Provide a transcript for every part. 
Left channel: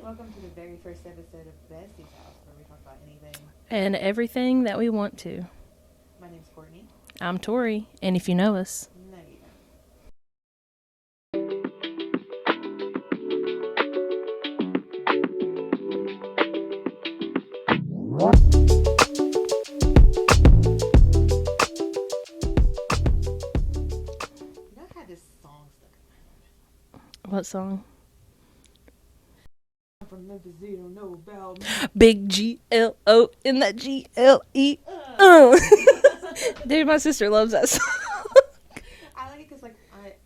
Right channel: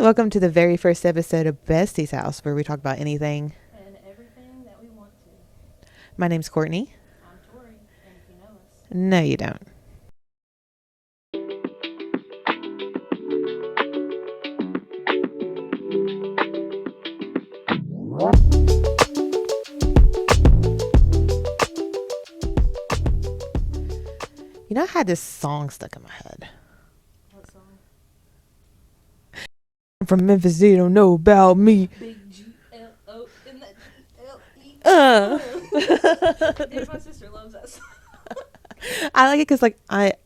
Welcome to the very first episode of Besties House, where we talk about anything and everything that we want to. My name's Courtney. I'm Tori, and if you know us... No, you don't. You know, I had this song stuck in my head. What song? I'm from Memphis, you don't know about me. Big G-L-O in that G-L-E. Dude, my sister loves that song. I like it because,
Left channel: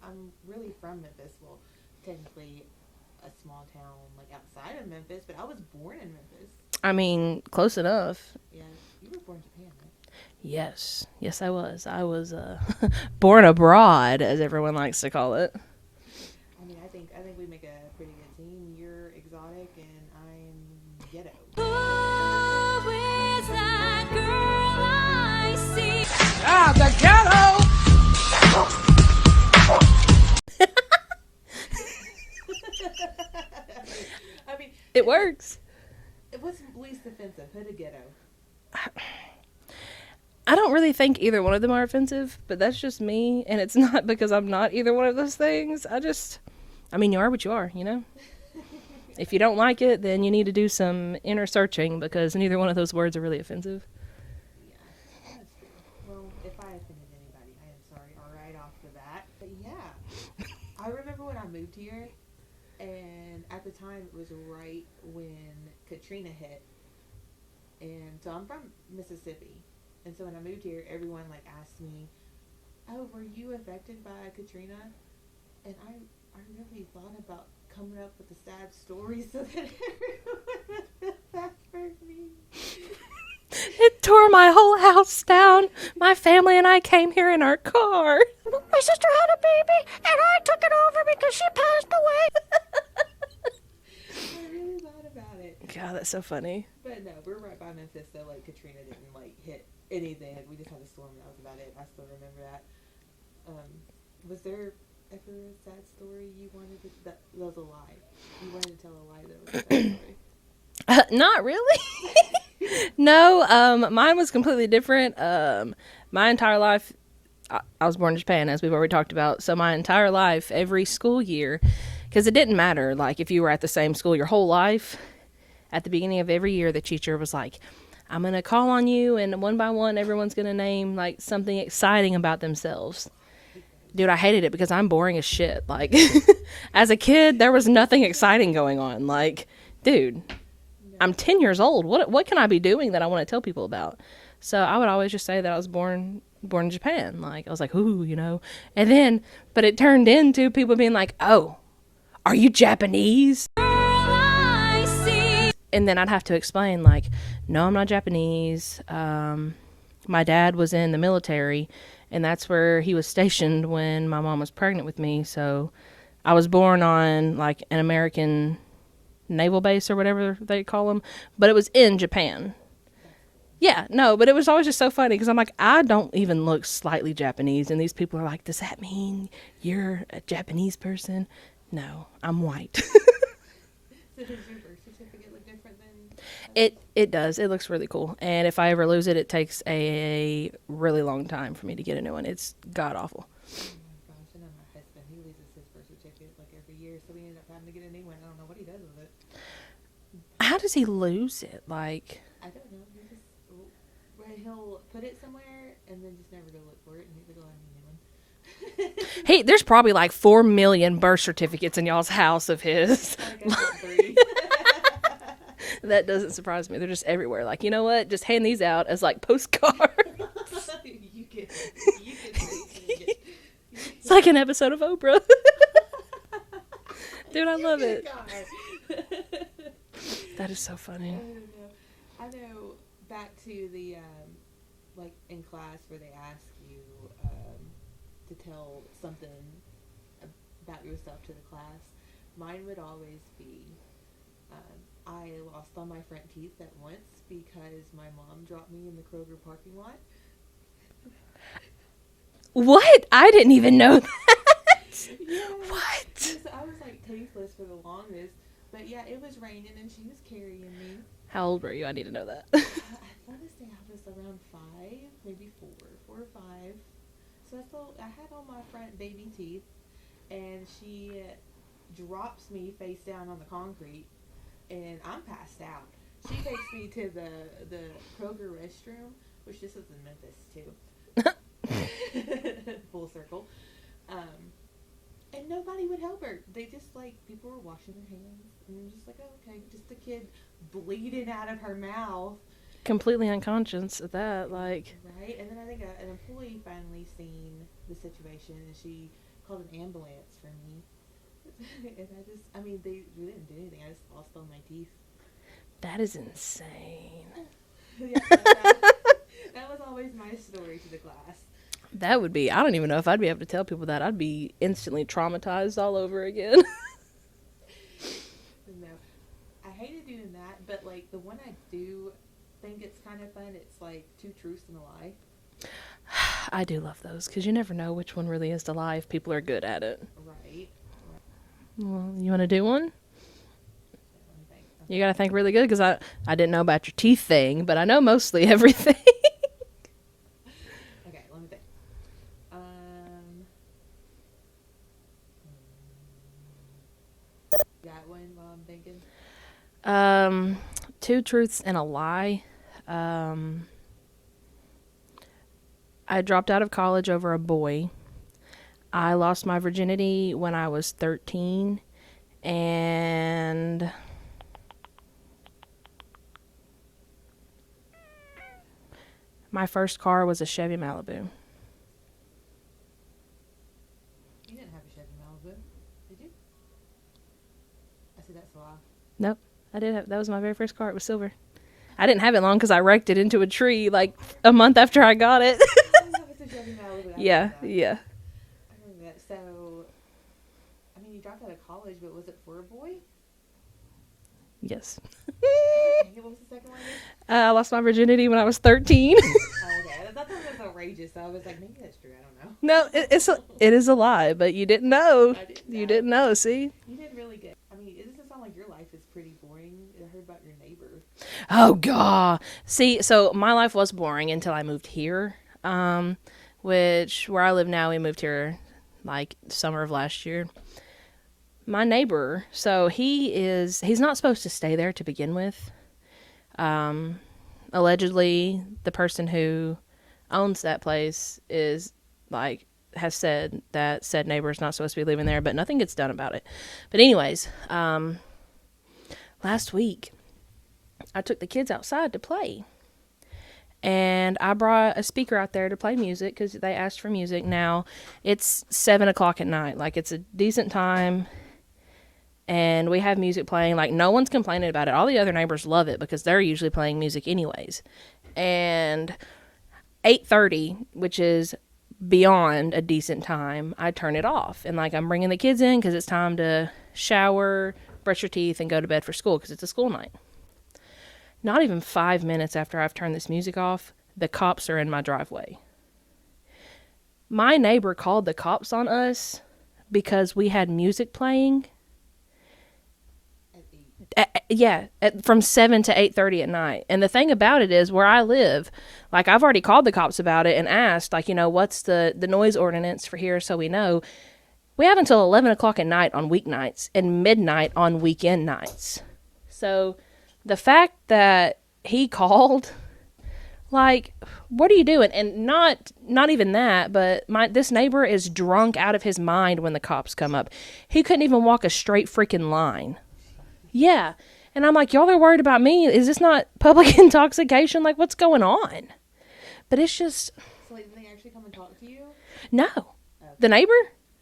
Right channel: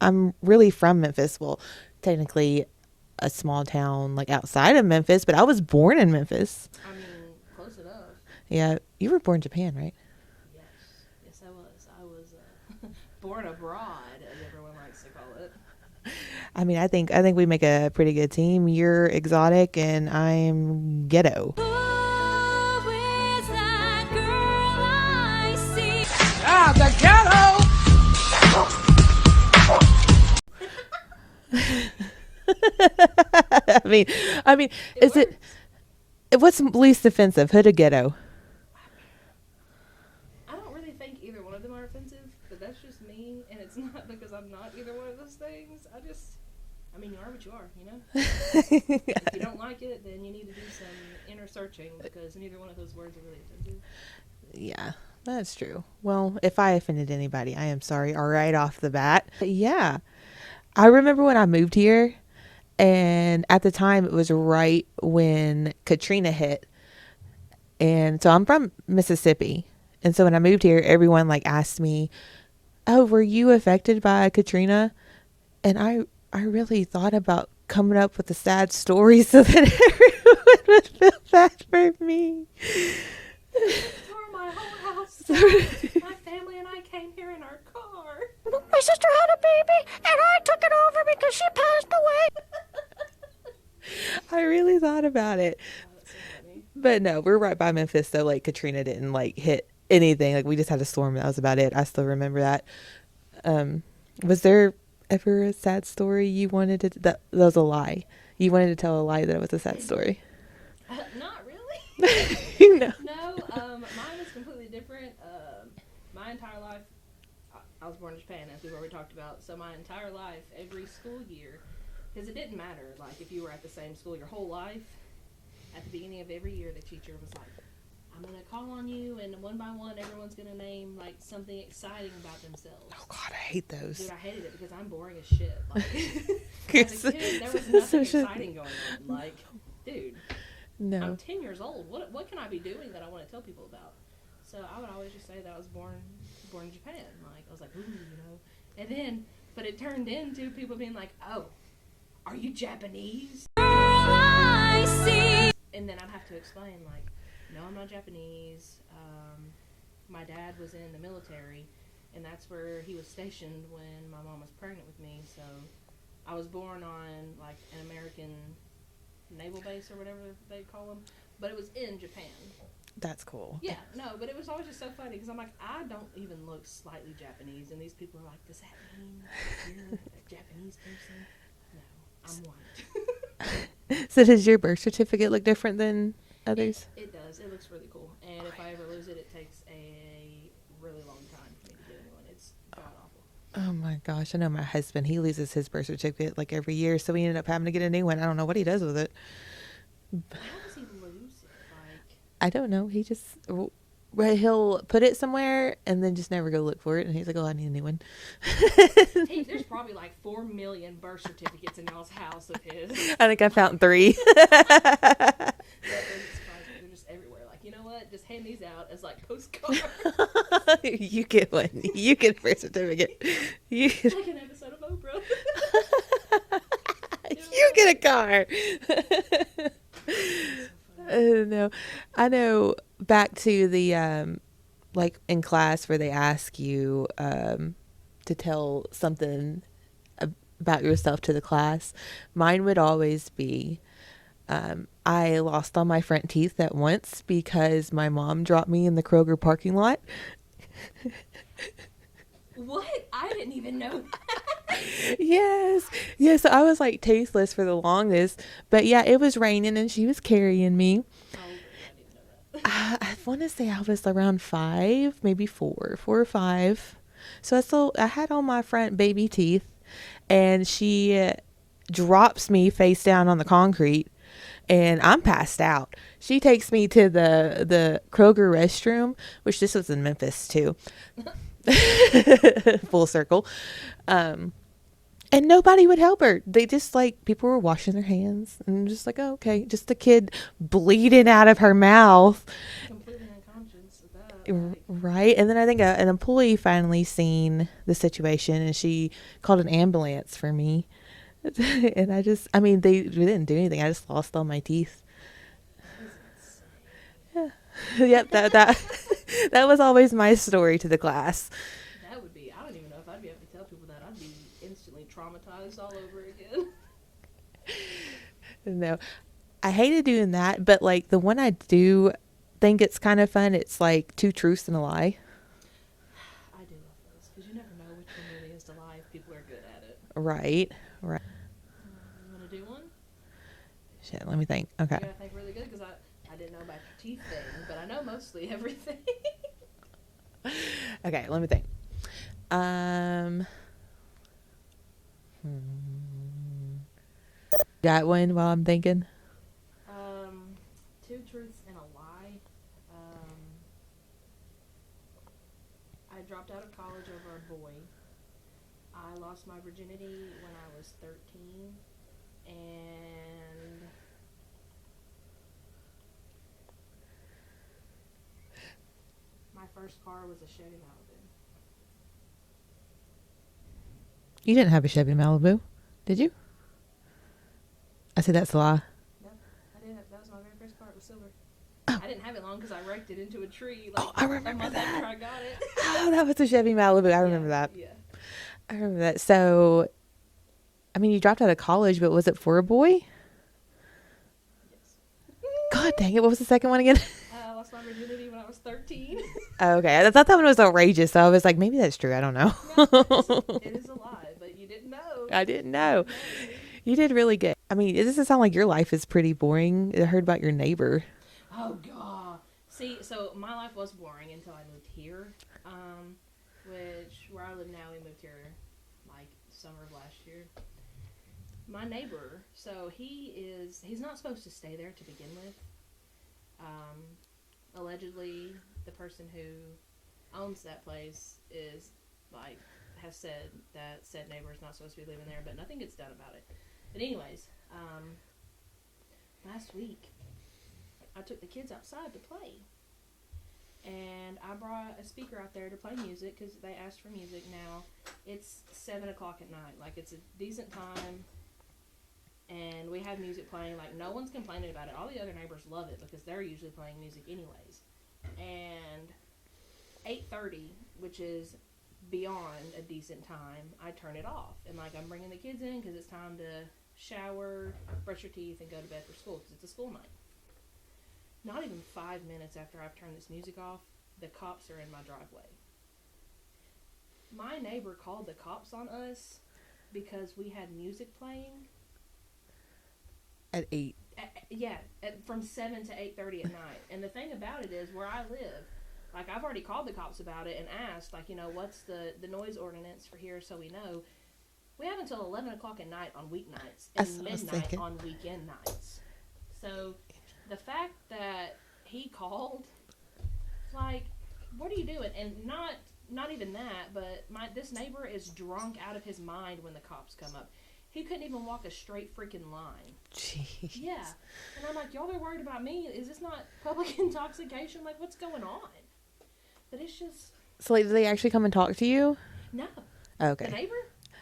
I'm really from Memphis. Well, technically a small town, outside of Memphis, but I was born in Memphis. I mean, close enough. Yeah, you were born in Japan, right? Yes, I was. I was born abroad, as everyone likes to call it. I mean, I think we make a pretty good team. You're exotic and I'm ghetto. Who is that girl I see? The ghetto! I mean, It works. What's least offensive, hood or ghetto? I don't really think either one of them are offensive, but that's just me, and it's not because I'm not either one of those things. I mean, you are what you are, you know? If you don't like it, then you need to do some inner searching, because neither one of those words are really offensive. Yeah, that's true. Well, if I offended anybody, I am sorry right off the bat. But yeah, I remember when I moved here, and at the time it was right when Katrina hit. And so I'm from Mississippi. And so when I moved here, everyone asked me, "Oh, were you affected by Katrina?" And I really thought about coming up with a sad story so that everyone would feel bad for me. It tore my whole house down. My family and I came here in our car. My sister had a baby, and I took it over because she passed away. I really thought about it. God, that's so funny. But no, we're right by Memphis, so Katrina didn't hit anything. We just had a storm. That was about it. I still remember that. Was there ever a sad story you wanted to... That was a lie. You wanted to tell a lie that it was a sad story. Not really. No, mine was completely different. My entire life, I was born in Japan, as we've already talked about. So my entire life, every school year, because it didn't matter, if you were at the same school your whole life, at the beginning of every year, the teacher was like, "I'm going to call on you, and one by one, everyone's going to name, something exciting about themselves." God, I hate those. Dude, I hated it because I'm boring as shit. As a kid, there was nothing exciting going on. Dude, No. I'm 10 years old. What can I be doing that I want to tell people about? So I would always just say that I was born in Japan. I was like, ooh, And then, but it turned into people being like, "Oh, are you Japanese?" Girl I see. And then I'd have to explain, no, I'm not Japanese. My dad was in the military, and that's where he was stationed when my mom was pregnant with me. So I was born on, an American naval base or whatever they call them, but it was in Japan. That's cool. Yeah, no, but it was always just so funny because I'm like, I don't even look slightly Japanese, and these people are like, "Does that mean you're a Japanese person?" No, I'm white. So does your birth certificate look different than others? It does. It looks really cool. And if I ever lose it, it takes a really long time for me to get a new one. It's god awful. Oh my gosh. I know my husband, he loses his birth certificate every year. So we ended up having to get a new one. I don't know what he does with it. How does he lose it? I don't know. He just, he'll put it somewhere and then just never go look for it. And he's like, "Oh, I need a new one." Hey, there's probably 4 million birth certificates in y'all's house of his. I think I found 3. That doesn't surprise me. They're just everywhere. You know what? Just hand these out as postcards. You get one. You get the birth certificate. It's like an episode of Oprah. Dude, I You love get it. a car. That is so funny. No, I know. Back to the in class where they ask you to tell something about yourself to the class. Mine would always be, I lost all my front teeth at once because my mom dropped me in the Kroger parking lot. What? I didn't even know that. Yes. Yeah, so I was like tasteless for the longest. But yeah, it was raining and she was carrying me. How old were you? I need to know that. I want to say I was around 5, maybe 4 or 5. So I had all my front baby teeth, and she drops me face down on the concrete, and I'm passed out. She takes me to the Kroger restroom, which this was in Memphis too. Full circle. And nobody would help her. They just like, people were washing their hands and just like, oh, okay. Just the kid bleeding out of her mouth. Completely unconscious of that. Like, Right. And then I think an employee finally seen the situation and she called an ambulance for me. And I mean, they didn't do anything. I just lost all my teeth. that is insane. Yep. That was always my story to the class. That would be, I don't even know if I'd be able to tell people that. I'd be instantly traumatized all over again. No, I hated doing that, but like the one I do think it's kind of fun. It's like 2 truths and a lie. I do love those because you never know which one really is the lie if people are good at it. Right. Right. Well, you want to do one? Shit. Let me think. Okay. You got to think really good because I didn't know about your teeth thing, but I know mostly everything. Okay. Let me think. Got one while I'm thinking. 2 truths and a lie. I dropped out of college over a boy. I lost my virginity when I was 13. And my first car was a Chevy Malibu. You didn't have a Chevy Malibu, did you? I said that's a lie. Nope. I did have, that was my very first car. It was silver. I didn't have it long because I wrecked it into a tree like a month after I got it. Oh, that was a Chevy Malibu. I remember that. Yeah. I remember that. So, I mean, you dropped out of college, but was it for a boy? Yes. God dang it. What was the second one again? I lost my virginity when I was 13. Oh, okay. I thought that one was outrageous. So I was like, maybe that's true. I don't know. No, it is a lie, but you didn't know. I didn't know. You didn't know, see? You did really good. I mean, it doesn't sound like your life is pretty boring. I heard about your neighbor. Oh, God. See, so my life was boring until I moved here, which where I live now, we moved here like summer of last year. My neighbor, so he's not supposed to stay there to begin with. Allegedly, the person who owns that place is like has said that said neighbor is not supposed to be living there, but nothing gets done about it. But anyways, last week I took the kids outside to play, and I brought a speaker out there to play music because they asked for music. Now it's 7:00 at night, like it's a decent time. And we have music playing, like no one's complaining about it. All the other neighbors love it because they're usually playing music anyways. And 8:30, which is beyond a decent time, I turn it off. And like I'm bringing the kids in because it's time to shower, brush your teeth, and go to bed for school because it's a school night. Not even 5 minutes after I've turned this music off, the cops are in my driveway. My neighbor called the cops on us because we had music playing. At 8. From 7 to 8:30 at night. And the thing about it is, where I live, like I've already called the cops about it and asked, like, you know, what's the noise ordinance for here so we know. We have until 11:00 at night on weeknights and midnight on weekend nights. So the fact that he called, like, what are you doing? And not even that, but this neighbor is drunk out of his mind when the cops come up. He couldn't even walk a straight freaking line. Jeez. Yeah. And I'm like, y'all are worried about me. Is this not public intoxication? Like, what's going on? But it's just... So, like, did they actually come and talk to you? No. Okay. The neighbor?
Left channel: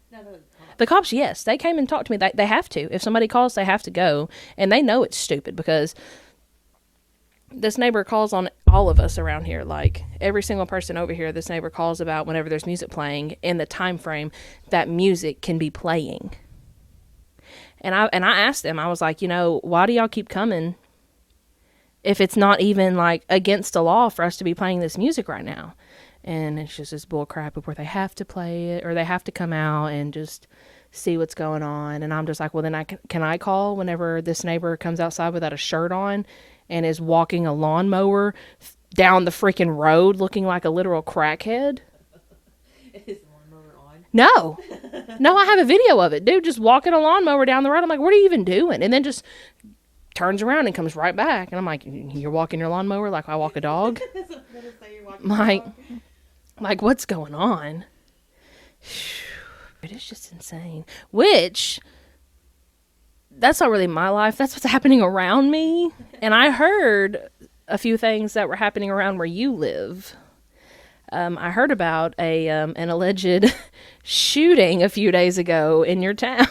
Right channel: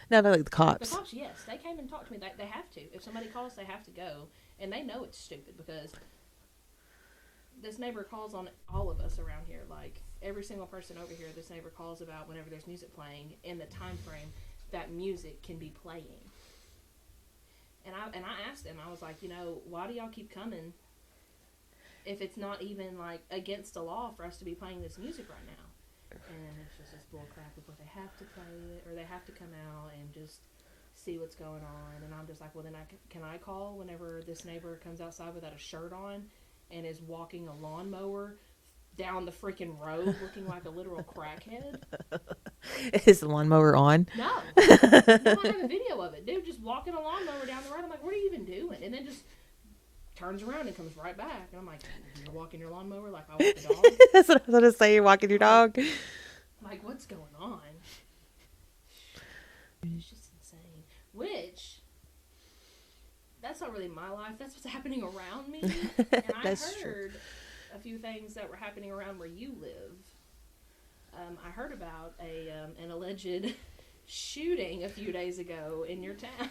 No, but like the cops. The cops, yes. They came and talked to me. They have to. If somebody calls, they have to go. And they know it's stupid because... this neighbor calls on all of us around here. Like every single person over here, this neighbor calls about whenever there's music playing in the time frame that music can be playing. And I asked them, I was like, you know, why do y'all keep coming if it's not even like against the law for us to be playing this music right now? And it's just this bull crap of where they have to play it or they have to come out and just see what's going on. And I'm just like, well, then can I call whenever this neighbor comes outside without a shirt on and is walking a lawnmower down the freaking road looking like a literal crackhead? Is the lawnmower on? No. No, I have a video of it. Dude just walking a lawnmower down the road. I'm like, what are you even doing? And then just turns around and comes right back. And I'm like, you're walking your lawnmower like I walk a dog? That's what I was going to say. You're walking your dog. Like, what's going on? It's just insane. Which, that's not really my life. That's what's happening around me. And I heard a few things that were happening around where you live. I heard about an alleged shooting a few days ago in your town.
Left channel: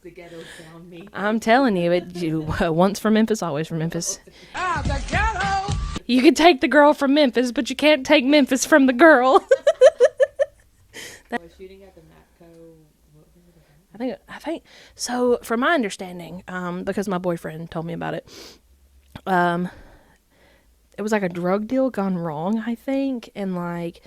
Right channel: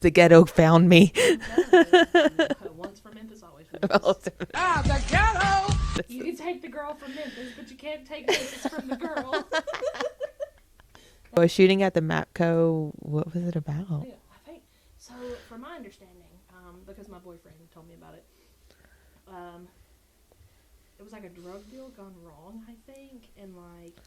The ghetto found me. I'm telling you, once from Memphis, always from Memphis. The ghetto! You can take the girl from Memphis, but you can't take Memphis from the girl. A shooting at the Mapco. What was it about? I think so. From my understanding, because my boyfriend told me about it, it was like a drug deal gone wrong, I think, and like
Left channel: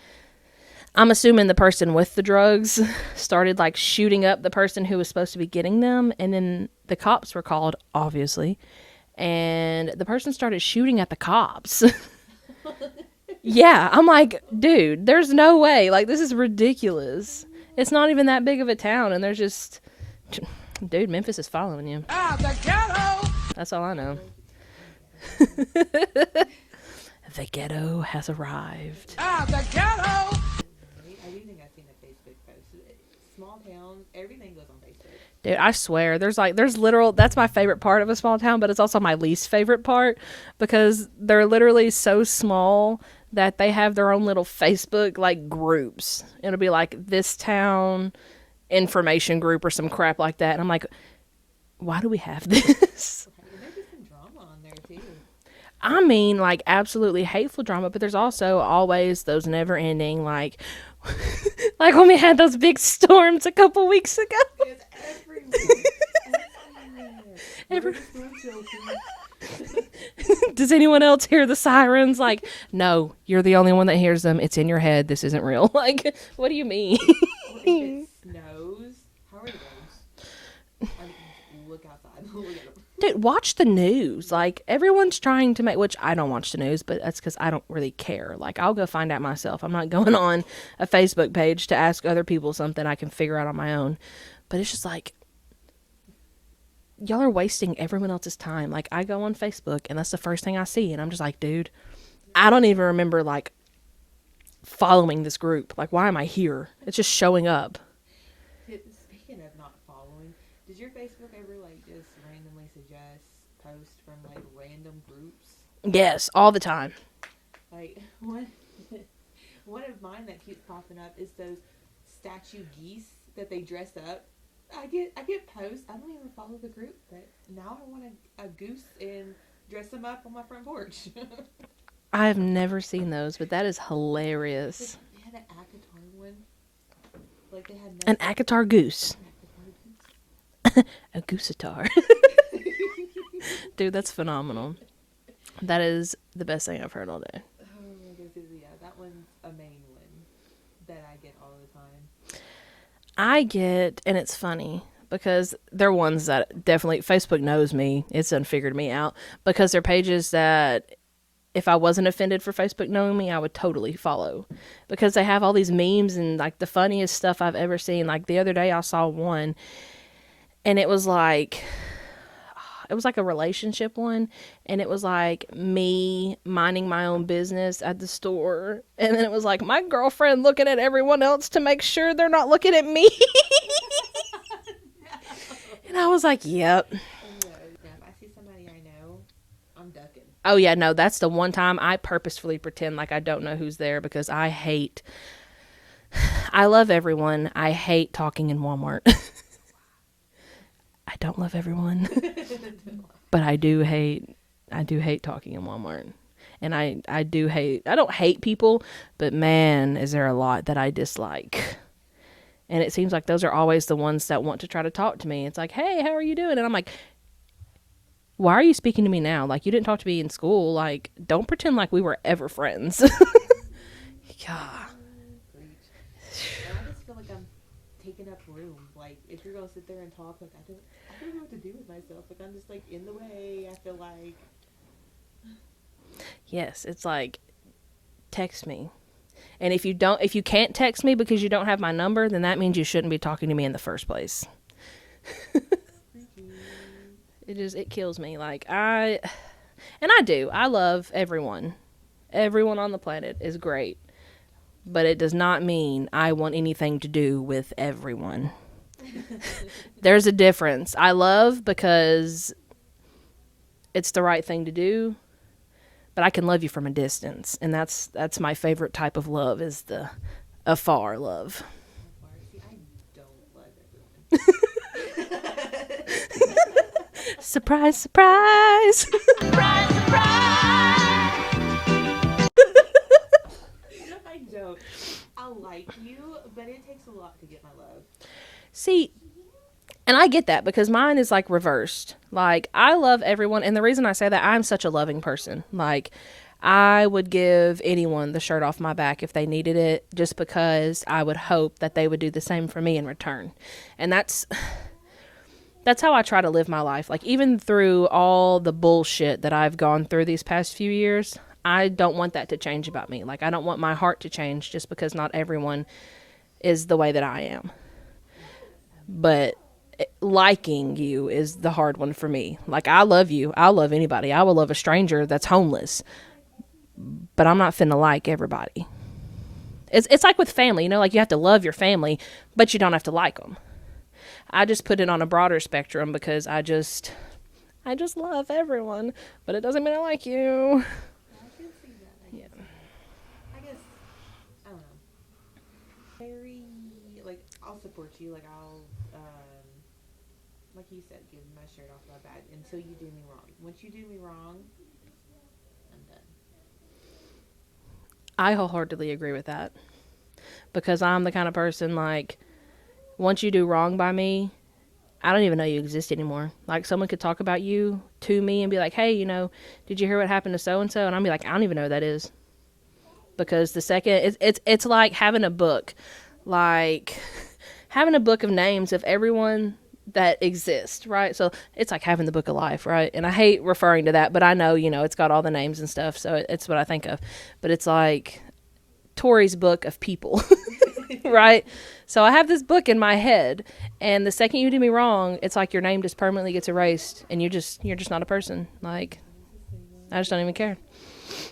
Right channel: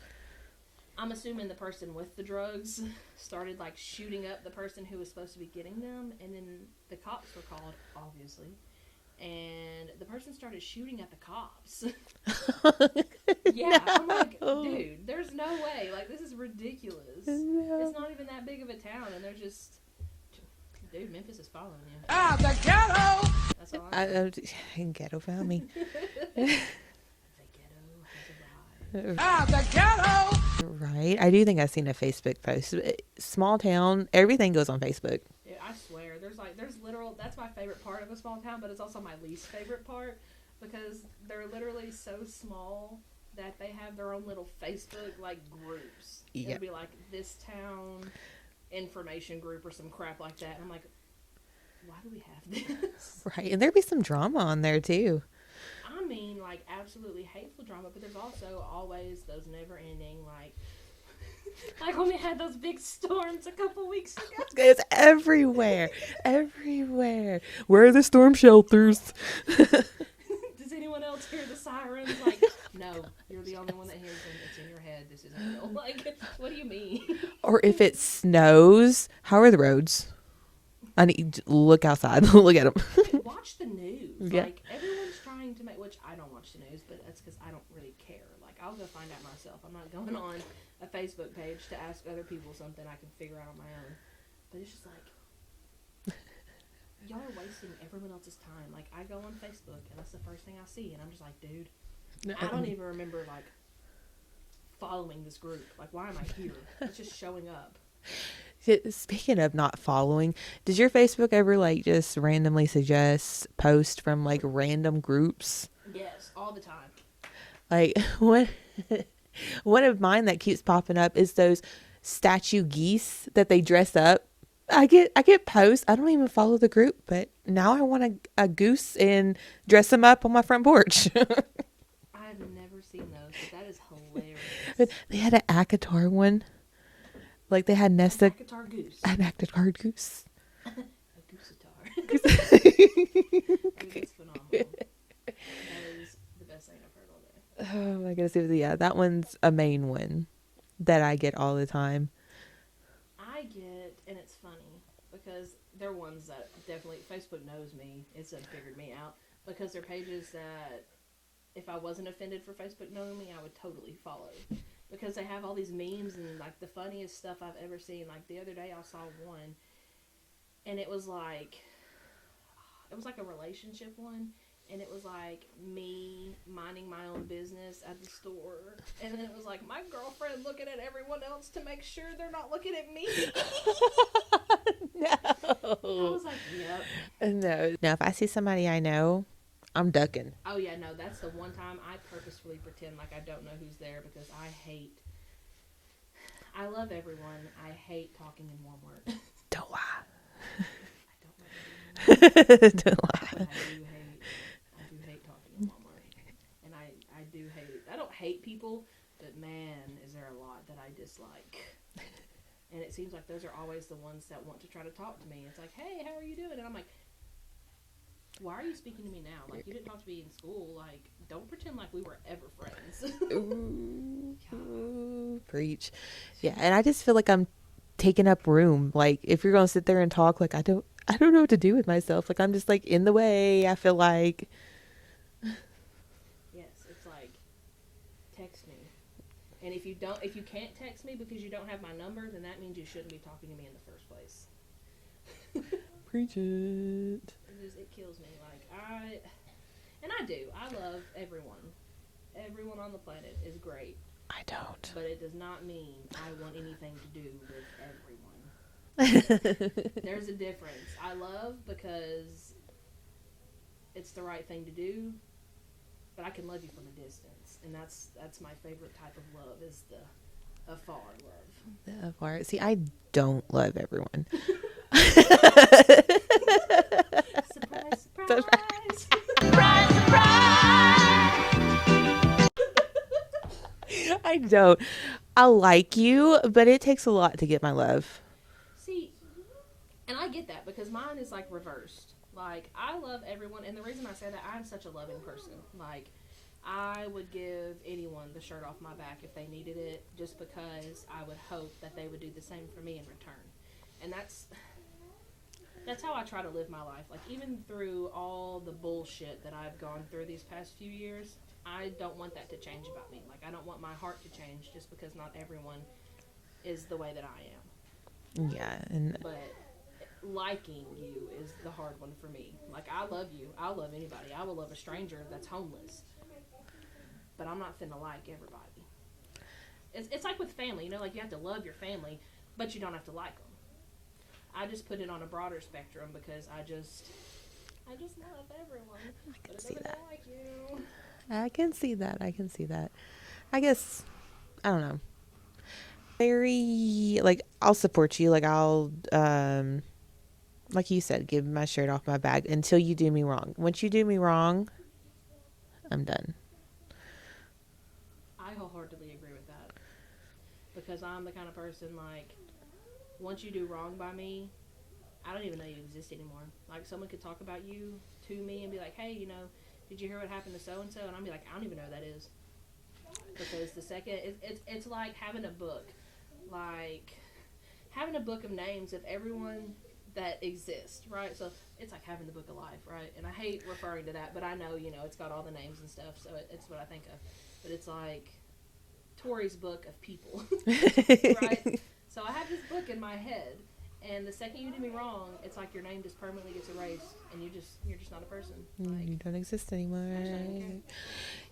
I'm assuming the person with the drugs started like shooting up the person who was supposed to be getting them, and then the cops were called, obviously, and the person started shooting at the cops. Yeah, I'm like, dude, there's no way. Like, this is ridiculous. It's not even that big of a town, and there's just, dude, Memphis is following you. The ghetto! That's all I know. Ghetto found me. The ghetto has arrived. The ghetto! Right. I do think I've seen a Facebook post. Small town, everything goes on Facebook. Dude, I swear, there's literal, that's my favorite part of a small town, but it's also my least favorite part because they're literally so small that they have their own little Facebook, like, groups. Yeah. It'll be like this town information group or some crap like that. And I'm like, why do we have this? Right. And there'd be some drama on there, too. I mean, like, absolutely hateful drama, but there's also always those never-ending, like when we had those big storms a couple weeks ago. It's everywhere. Everywhere. Where are the storm shelters? Does anyone else hear the sirens? Like, no, you're the only one that hears them. It's in your head. This isn't real. Like, what do you mean? Or if it snows, how are the roads? I need to look outside. Look at them. Dude, watch the news. Yeah. Like, everyone's trying to make, which I don't watch the news, but that's because I don't really care. Like, I'll go find out myself. I'm not going on a Facebook page to ask other people something I can figure out on my own. But it's just like, y'all are wasting everyone else's time. Like, I go on Facebook, and that's the first thing I see, and I'm just like, dude, I don't even remember, like, following this group. Like, why am I here? It's just showing up. Speaking of not following, does your Facebook ever like just randomly suggest posts from like random groups? Yes, all the time. Like one of mine that keeps popping up is those statue geese that they dress up. I get posts. I don't even follow the group, but now I want a goose and dress them up on my front porch. I have never seen those, but that is hilarious. They had an Akatar one. Like they had nested... An Akatar goose. An Akatar goose. A gooseatar. Dude, that's phenomenal. That is the best thing I've heard all day. Oh my goodness. Yeah, that one's a main one that I get all the time. I get, and it's funny, because they're ones that definitely, Facebook knows me. It's done figured me out. Because they're pages that... if I wasn't offended for Facebook knowing me, I would totally follow, because they have all these memes and like the funniest stuff I've ever seen. Like the other day I saw one and it was like a relationship one, and it was like me minding my own business at the store, and then it was like my girlfriend looking at everyone else to make sure they're not looking at me. No. And I was like, yep. No, if I see somebody I know, I'm ducking. Oh, yeah, no, that's the one time I purposefully pretend like I don't know who's there, because I love everyone. I hate talking in Walmart. Don't lie. I don't love everyone. Don't lie. But I do hate talking in Walmart. And I don't hate people, but man, is there a lot that I dislike. And it seems like those are always the ones that want to try to talk to me. It's like, hey, how are you doing? And I'm like, why are you speaking to me now? Like, you didn't talk to me in school. Like, don't pretend like we were ever friends. God. Preach. Yeah, and I just feel like I'm taking up room. Like if you're gonna sit there and talk, like I don't know what to do with myself. Like I'm just like in the way. I feel like. Yes, it's like, text me. And if you can't text me because you don't have my number, then that means you shouldn't be talking to me in the first place. Preach it. It kills me. Like I love everyone. Everyone on the planet is great. I don't. But it does not mean I want anything to do with everyone. There's a difference. I love because it's the right thing to do, but I can love you from a distance, and that's my favorite type of love, is the afar love. Afar. See, I don't love everyone. Surprise, surprise. Surprise, surprise! I don't. I like you, but it takes a lot to get my love. See, and I get that because mine is like reversed. Like, I love everyone, and the reason I say that, I'm such a loving person. Like, I would give anyone the shirt off my back if they needed it, just because I would hope that they would do the same for me in return. And that's how I try to live my life. Like, even through all the bullshit that I've gone through these past few years, I don't want that to change about me. Like, I don't want my heart to change just because not everyone is the way that I am. Yeah. But liking you is the hard one for me. Like, I love you. I'll love anybody. I will love a stranger that's homeless. But I'm not finna like everybody. It's like with family, you know, like you have to love your family, but you don't have to like them. I just put it on a broader spectrum because I just love everyone, but it doesn't mean I like you. I can see that. I guess, I don't know. Very, like, I'll support you. Like, I'll, like you said, give my shirt off my back until you do me wrong. Once you do me wrong, I'm done. I wholeheartedly agree with that. Because I'm the kind of person, like, once you do wrong by me, I don't even know you exist anymore. Like, someone could talk about you to me and be like, hey, you know, did you hear what happened to so-and-so? And I'll be like, I don't even know who that is. Because the second, it's like having a book. Like, having a book of names of everyone that exists, right? So it's like having the book of life, right? And I hate referring to that, but I know, you know, it's got all the names and stuff, so it's what I think of. But it's like Tori's book of people, right? So I have this book in my head, and the second you do me wrong, it's like your name just permanently gets erased, and you're just not a person. Like, You don't exist anymore. I just don't even care.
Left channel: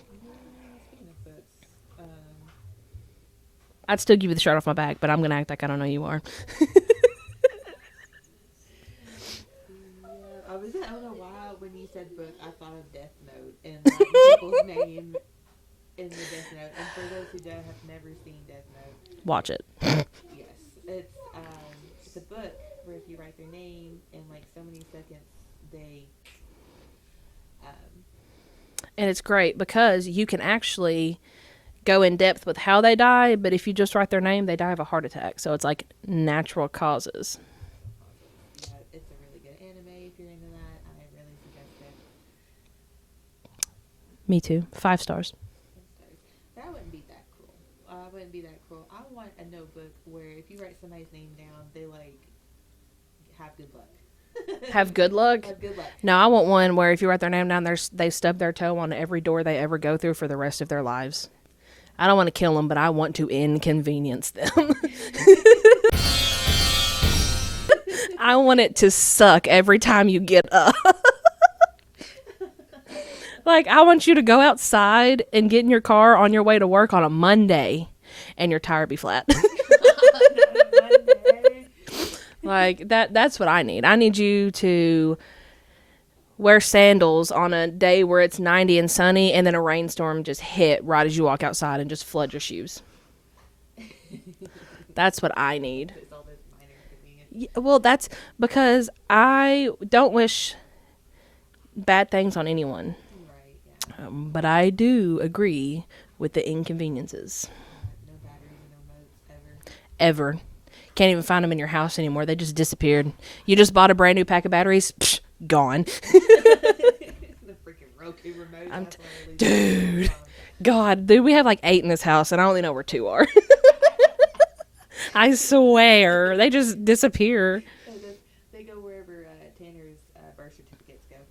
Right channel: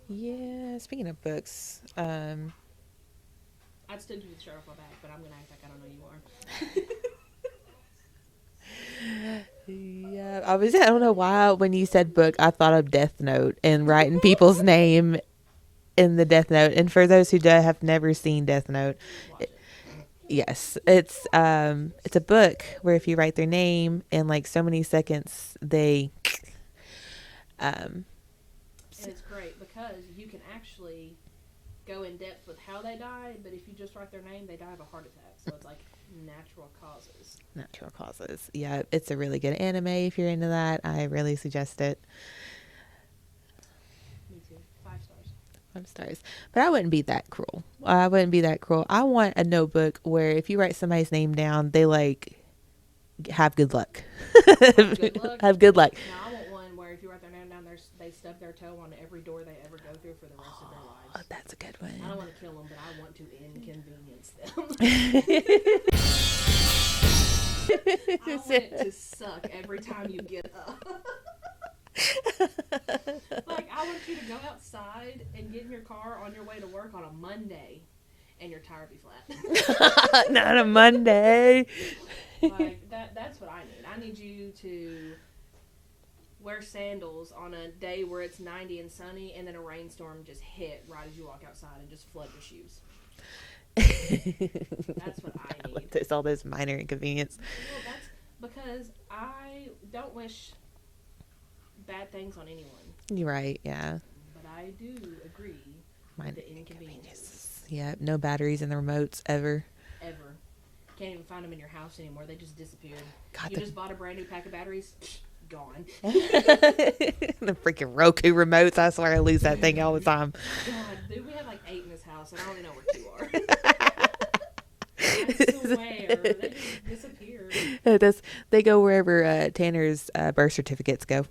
Yeah, speaking of books, I'd still give you the shirt off my back, but I'm gonna act like I don't know you are. yeah, I don't know why when you said book, I thought of Death Note and writing people's name in the Death Note. And for those who have never seen Death Note, Watch it. yes, it's a book where if you write their name in like so many seconds, they And it's great because you can actually go in depth with how they die, but if you just write their name, they die of a heart attack. So it's like natural causes. natural causes. Yeah, it's a really good anime if you're into that. I really suggest it. Me too. 5 stars. 5 stars. But I wouldn't be that cruel. I want a notebook where if you write somebody's name down, they like have good luck. Have good luck? Have good luck. No, I want one where if you write their name down, they stub their toe on every door they ever go through for the rest of their lives. That's a good one. I don't want to kill them, but I want to inconvenience them. I want it to suck every time you get up. Like, I want you to go outside and get in your car on your way to work on a Monday and your tire be flat. Not a Monday. Like, that's what I need. I need you to wear sandals on a day where it's 90 and sunny, and then a rainstorm just hit right as you walk outside and just flood your shoes. That's what I need. There's all those minor inconvenience. Well, that's because I don't wish bad things on anyone. You're right. Yeah. But I do agree with the inconveniences. Yeah. No batteries in the remotes ever. Ever. Can't even find them in your house anymore. They just disappeared. You just bought a brand new pack of batteries. Psh, gone. The freaking Roku remotes. I swear I lose that thing all the time. God, dude, we have like 8 in this house, and I only know where 2 are. I swear. They just disappear. They go wherever Tanner's birth certificates go.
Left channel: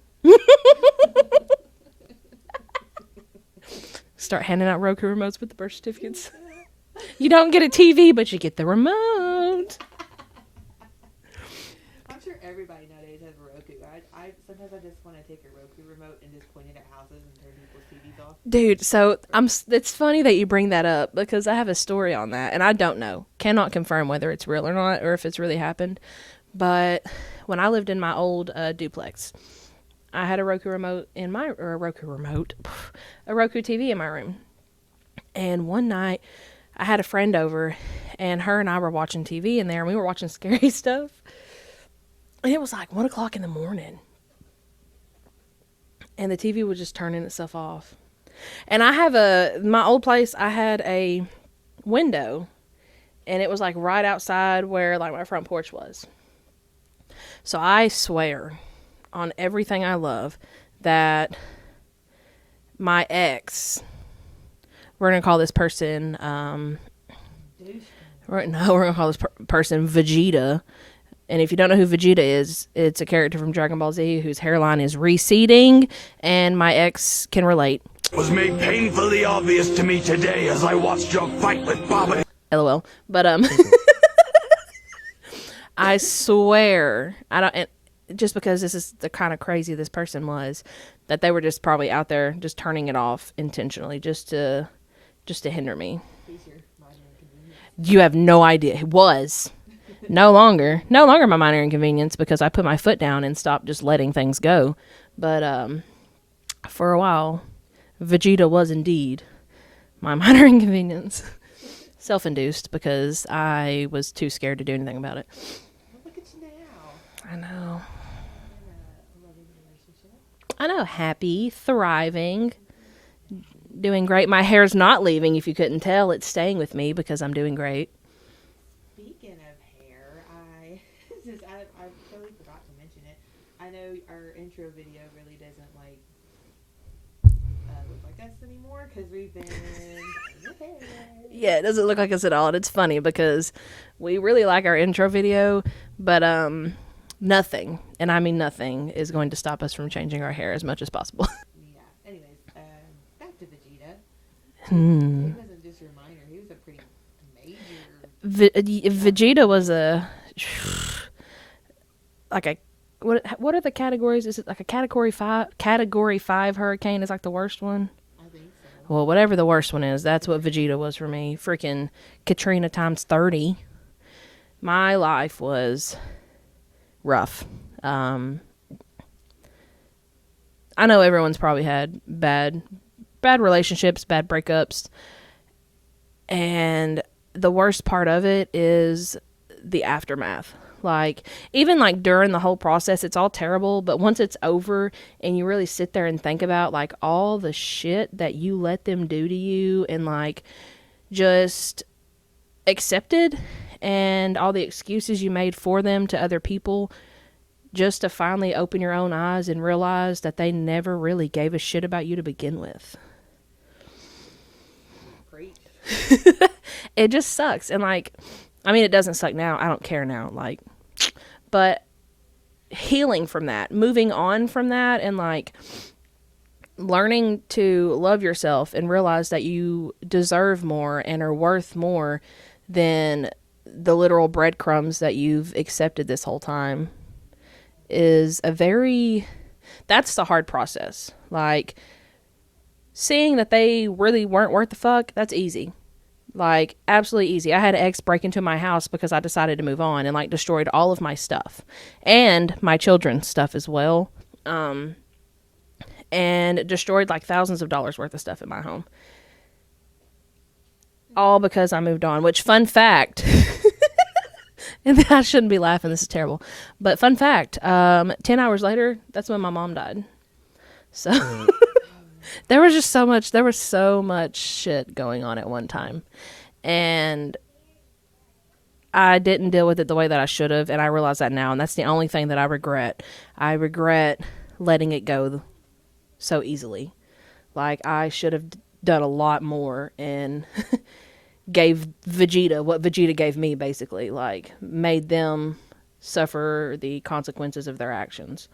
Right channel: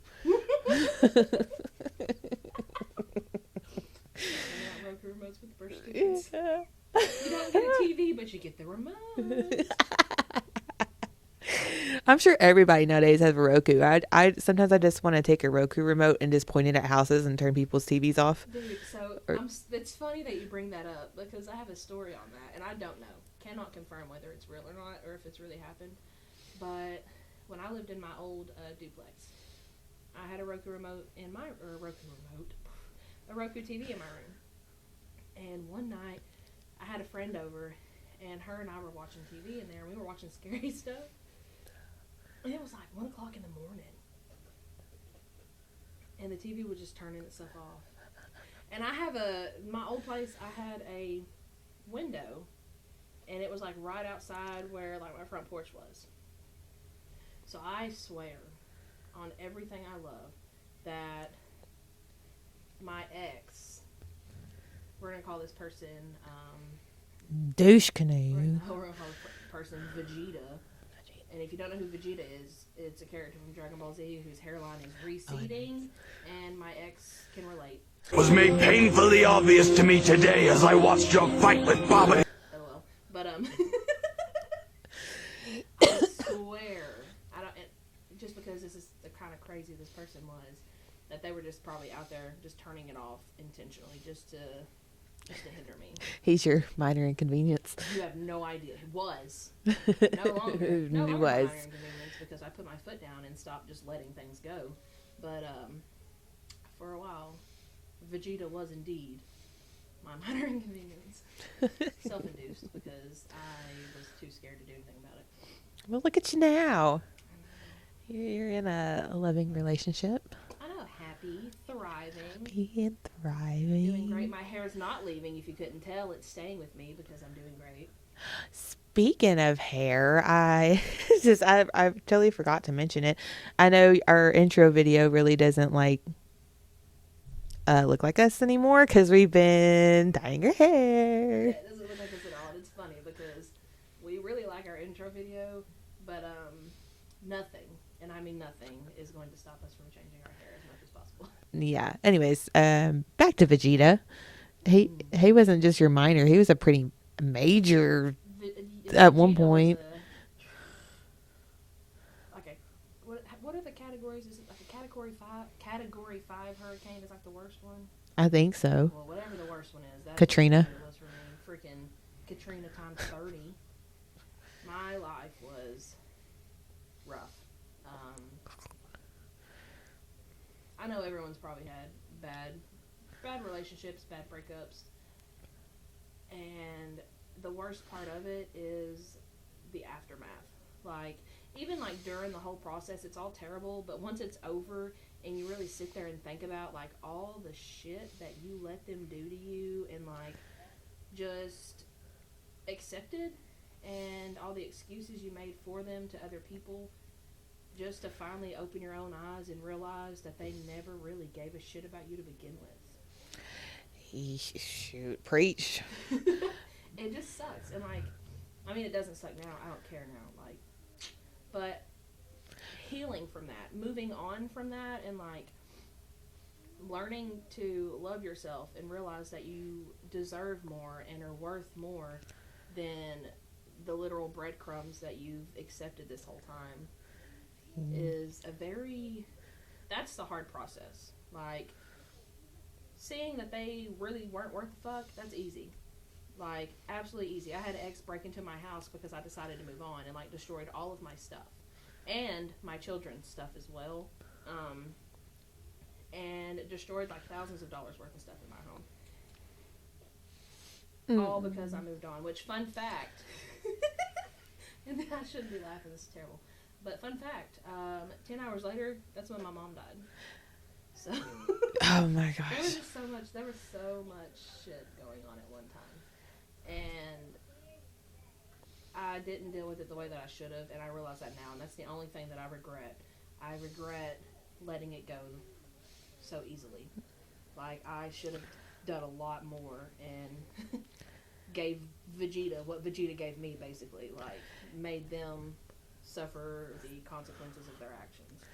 Start handing out Roku remotes with the birth certificates. You don't get a TV, but you get the remote. I'm sure everybody nowadays has a Roku. I sometimes I just want to take a Roku remote and just point it at houses and turn people's TVs off. Dude, so it's funny that you bring that up because I have a story on that, and I don't know. Cannot confirm whether it's real or not or if it's really happened. But when I lived in my old duplex, I had a Roku remote a Roku TV in my room. And one night I had a friend over and her and I were watching TV in there and we were watching scary stuff. And it was like 1 o'clock in the morning. And the TV was just turning itself off. And my old place, I had a window. And it was like right outside where like my front porch was. So I swear on everything I love that my ex, we're going to call this person, douche canoe. we're going to call this person Vegeta. And if you don't know who Vegeta is, it's a character from Dragon Ball Z whose hairline is receding, and my ex can relate. Was made painfully obvious to me today as I watched your fight with Baba. LOL. But I swear, just because this is the kind of crazy this person was, that they were just probably out there just turning it off intentionally just to hinder me. He's your minor inconvenience. You have no idea. He was. No longer my minor inconvenience because I put my foot down and stopped just letting things go. But for a while, Vegeta was indeed my minor inconvenience. Self-induced because I was too scared to do anything about it. Well, look at you now. I know. You're in a loving relationship. I know. Happy, thriving. Doing great. My hair's not leaving, if you couldn't tell. It's staying with me because I'm doing great. Speaking of hair, I totally forgot to mention it. I know our intro video really doesn't look like us anymore because we've been dyeing our hair. Yeah, it doesn't look like us at all. And it's funny because we really like our intro video, but nothing, and I mean nothing, is going to stop us from changing our hair as much as possible. Yeah. Anyways, back to Vegeta. He wasn't just your minor. He was a pretty major. Vegeta was what are the categories? Is it like a category 5 hurricane is like the worst one? I think so. Well, whatever the worst one is, that's Katrina. what Vegeta was for me. Freaking Katrina times 30. My life was rough. I know everyone's probably had bad relationships, bad breakups, and the worst part of it is the aftermath. Like, even like during the whole process, it's all terrible, but once it's over and you really sit there and think about like all the shit that you let them do to you and like just accepted, and all the excuses you made for them to other people, just to finally open your own eyes and realize that they never really gave a shit about you to begin with. Shoot, preach. It just sucks. And like, I mean, it doesn't suck now. I don't care now. Like, but healing from that, moving on from that, and like learning to love yourself and realize that you deserve more and are worth more than the literal breadcrumbs that you've accepted this whole time is that's the hard process. Like, seeing that they really weren't worth the fuck, that's easy. Like, absolutely easy. I had an ex break into my house because I decided to move on and like destroyed all of my stuff and my children's stuff as well. And destroyed like thousands of dollars worth of stuff in my home. All because I moved on, which, fun fact, and I shouldn't be laughing, this is terrible, but fun fact, 10 hours later, that's when my mom died. So, Oh my god. there was so much shit going on at one time, and I didn't deal with it the way that I should have, and I realize that now, and that's the only thing that I regret. I regret letting it go so easily. Like, I should have done a lot more, and gave Vegeta what Vegeta gave me, basically. Like, made them suffer the consequences of their actions.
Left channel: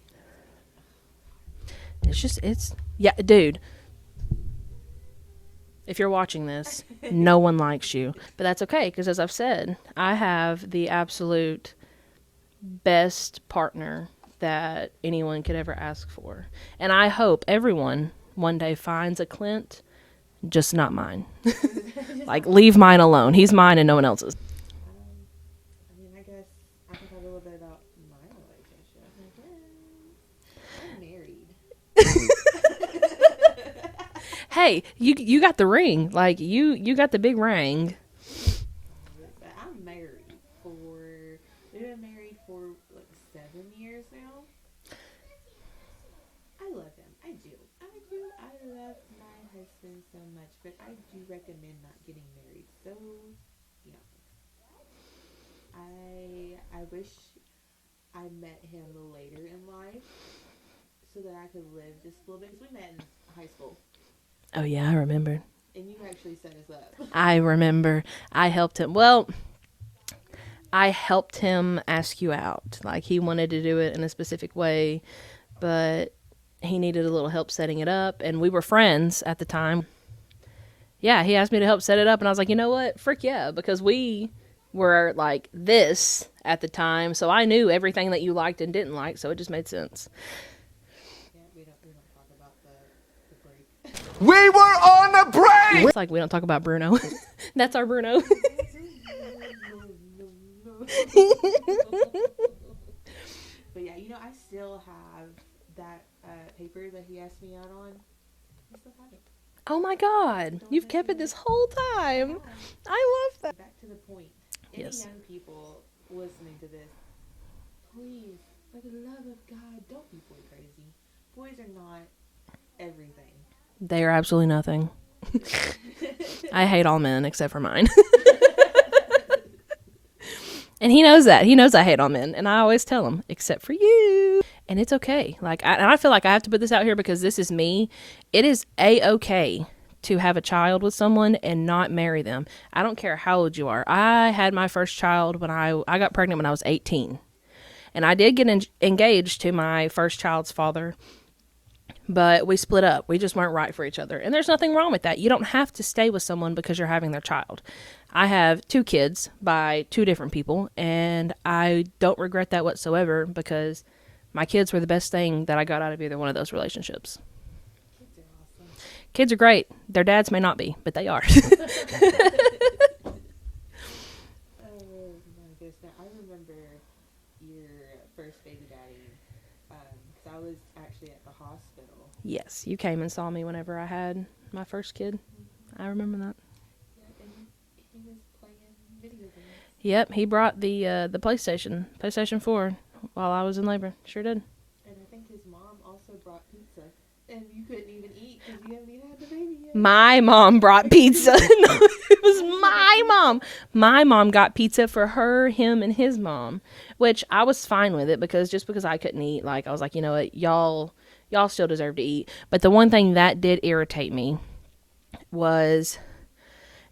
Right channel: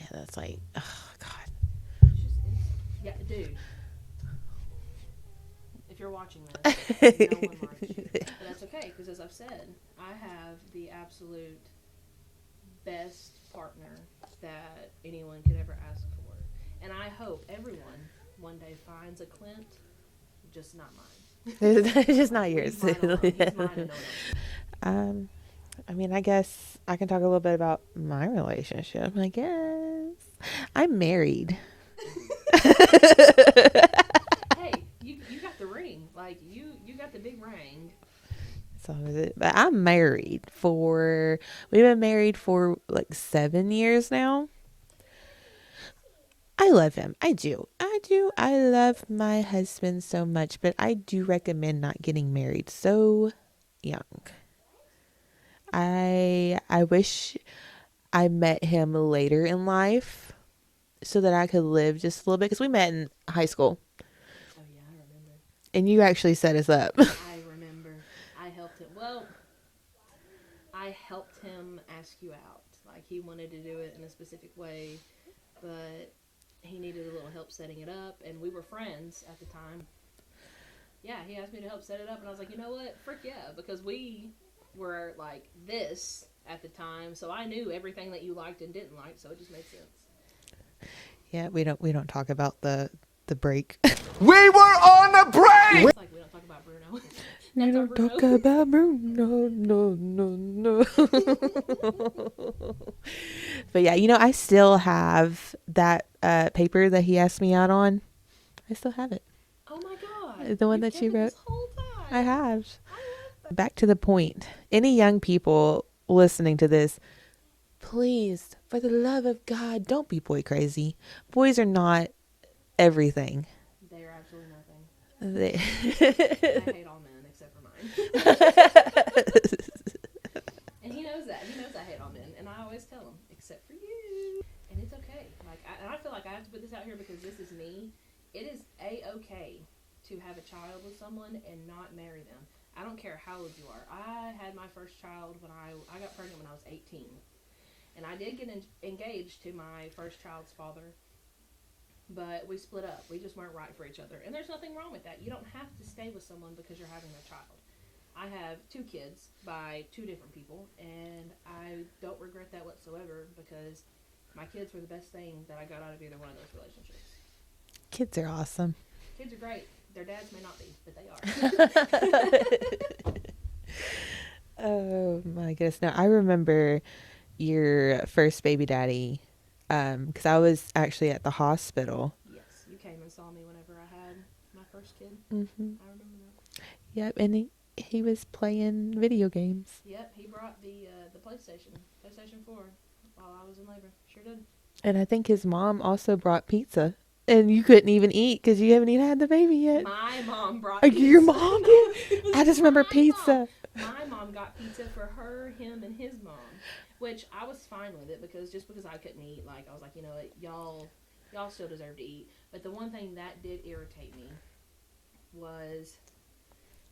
Yeah, that's like, oh, God. Yeah, dude. If you're watching this, no one likes you. But that's okay, because as I've said, I have the absolute best partner that anyone could ever ask for. And I hope everyone one day finds a Clint, just not mine. Like, leave mine alone. He's mine and no one else's. I mean, I guess I can talk a little bit about my relationship. I guess I'm married. Hey, you got the ring. Like, you got the big ring. So is it? But I'm married we've been married for like 7 years now. I love him. I do. I love my husband so much, but I do recommend not getting married so young. I wish I met him later in life so that I could live just a little bit, because we met in high school. Oh, yeah, I remember. And you actually set us up. I remember. I helped him. Well, I helped him ask you out. Like, he wanted to do it in a specific way, but he needed a little help setting it up, and we were friends at the time. Yeah, he asked me to help set it up, and I was like, you know what? Frick yeah, because we were like this at the time, so I knew everything that you liked and didn't like, so it just made sense. Yeah, we don't talk about the break. We were on a break! It's like we don't talk about Bruno. That's our Bruno. Talk about Bruno. No. But yeah, I still have that paper that he asked me out on. I still have it. Oh my God. The one You've that kept you it wrote? this whole time. I have. I love that. Back to the point. Any young people listening to this, please, for the love of God, don't be boy crazy. Boys are not everything. They are absolutely nothing. I hate all men except for mine. And he knows that. He knows I hate all men. And I always tell him, except for you. And it's okay. Like, and I feel like I have to put this out here because this is me. It is A-okay to have a child with someone and not marry them. I don't care how old you are. I had my first child when I got pregnant when I was 18. And I did get engaged to my first child's father. But we split up. We just weren't right for each other. And there's nothing wrong with that. You don't have to stay with someone because you're having their child. I have 2 kids by 2 different people, and I don't regret that whatsoever because my kids were the best thing that I got out of either one of those relationships. Kids are awesome. Kids are great. Their dads may not be, but they are. Oh my goodness. No, I remember your first baby daddy. Because I was actually at the hospital. Yes, you came and saw me whenever I had my first kid. Mm-hmm. I remember that. Yep, and he was playing video games. Yep, he brought the PlayStation 4, while I was in labor. Sure did. And I think his mom also brought pizza. And you couldn't even eat because you haven't even had the baby yet. My mom brought pizza. Mom? No, it was I just remember my pizza. mom. My mom got pizza for her, him, and his mom. Which I was fine with it because I couldn't eat, like, I was like, you know what, y'all still deserve to eat. But the one thing that did irritate me was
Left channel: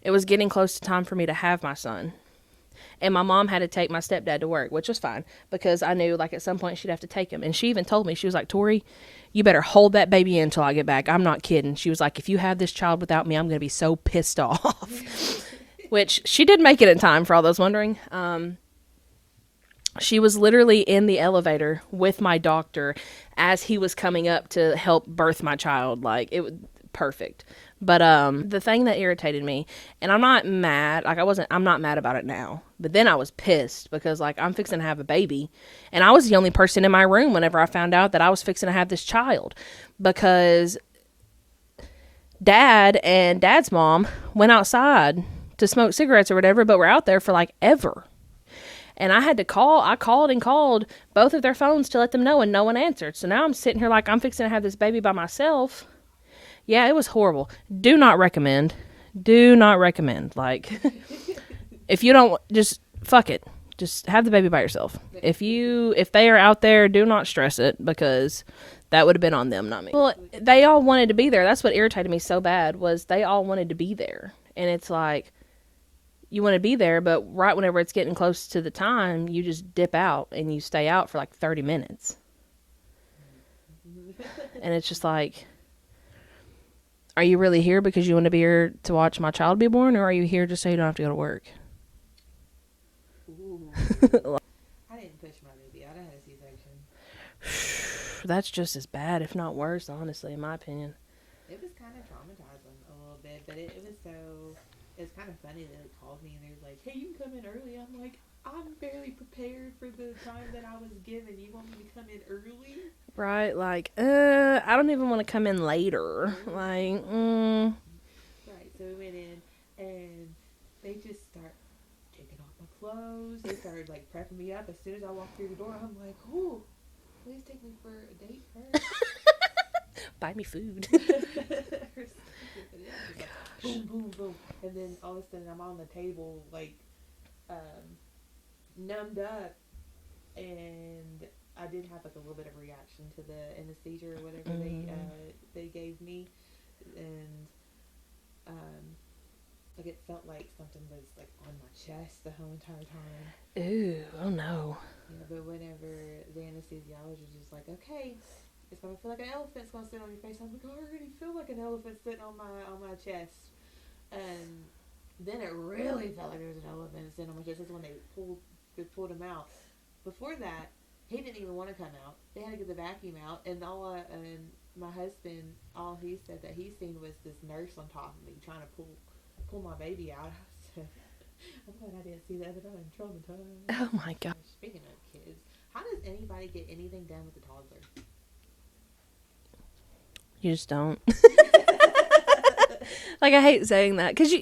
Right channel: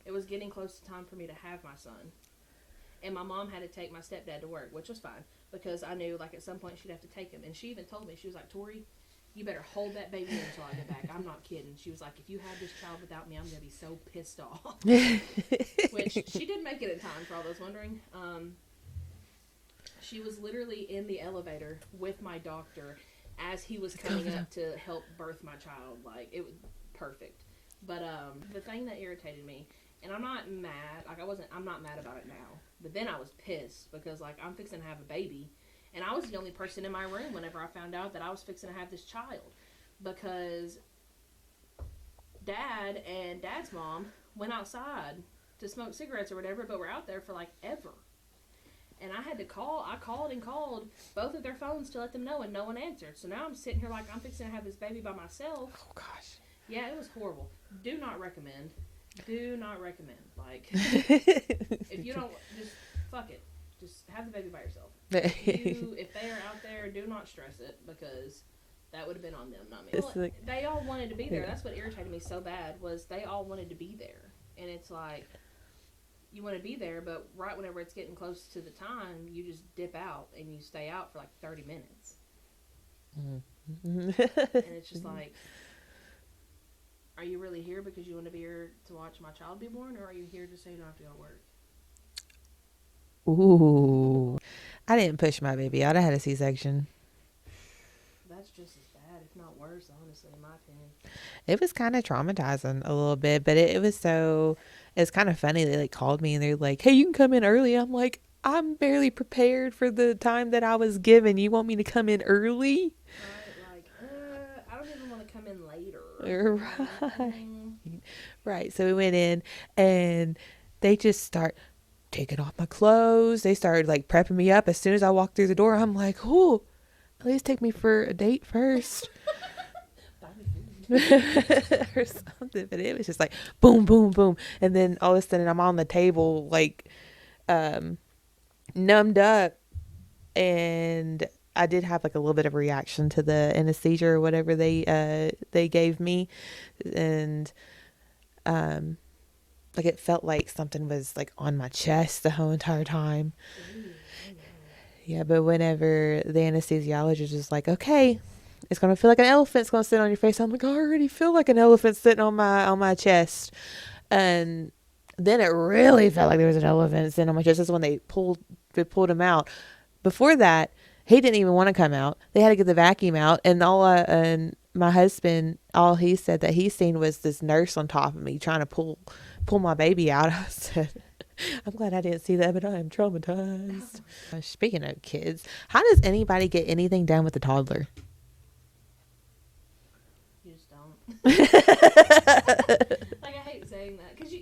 it was getting close to time for me to have my son. And my mom had to take my stepdad to work, which was fine because I knew, like, at some point she'd have to take him. And she even told me, she was like, Tori, you better hold that baby in until I get back. I'm not kidding. She was like, if you have this child without me, I'm going to be so pissed off. Which she did make it in time, for all those wondering. She was literally in the elevator with my doctor as he was coming up to help birth my child. Like, it was perfect. But the thing that irritated me, and I'm not mad, I'm not mad about it now. But then I was pissed because, like, I'm fixing to have a baby. And I was the only person in my room whenever I found out that I was fixing to have this child. Because Dad and Dad's mom went outside to smoke cigarettes or whatever, but were out there for, like, ever. And I had to call. I called and called both of their phones to let them know, and no one answered. So now I'm sitting here like I'm fixing to have this baby by myself. Gosh. Yeah, it was horrible. Do not recommend. Do not recommend. Like, if you don't, just fuck it. Just have the baby by yourself. If they are out there, do not stress it because that would have been on them, not me. Well, they all wanted to be there. That's what irritated me so bad was they all wanted to be there. And it's like, you want to be there, but right whenever it's getting close to the time, you just dip out and you stay out for like 30 minutes. And it's just like, are you really here because you want to be here to watch my child be born, or are you here just so you don't have to go to work? Ooh. I didn't push my baby out. I had a C-section. That's just as bad, if not worse, honestly, in my opinion. It was kind of traumatizing a little bit, but it was so... It's kind of funny. They like called me and they're like, hey, you can come in early. I'm like, I'm barely prepared for the time that I was given. You want me to come in early? Right. Like, I don't even want to come in later. Like, Right. So we went in and they just start taking off my clothes. They started like prepping me up. As soon as I walked through the door, I'm like, oh, at least take me for a date first. buy me food. Or something. But it was just like boom, boom, boom. And then all of a sudden I'm on the table like numbed up, and I did have like a little bit of reaction to the anesthesia or whatever they gave me. And like it felt like something was like on my chest the whole entire time. Ooh, oh no. Yeah, but whenever the anesthesiologist was like, okay, it's going to feel like an elephant's going to sit on your face. I'm like, I already feel like an elephant sitting on my chest. And then it really felt like there was an elephant sitting on my chest. That's when they pulled him out. Before that, he didn't even want to come out. They had to get the vacuum out. And and my husband, all he said that he seen was this nurse on top of me trying to pull my baby out. I said, I'm glad I didn't see that, but I am traumatized. Oh my gosh. Speaking of kids, how does anybody get anything done with a toddler? You just don't. Like, I hate saying that because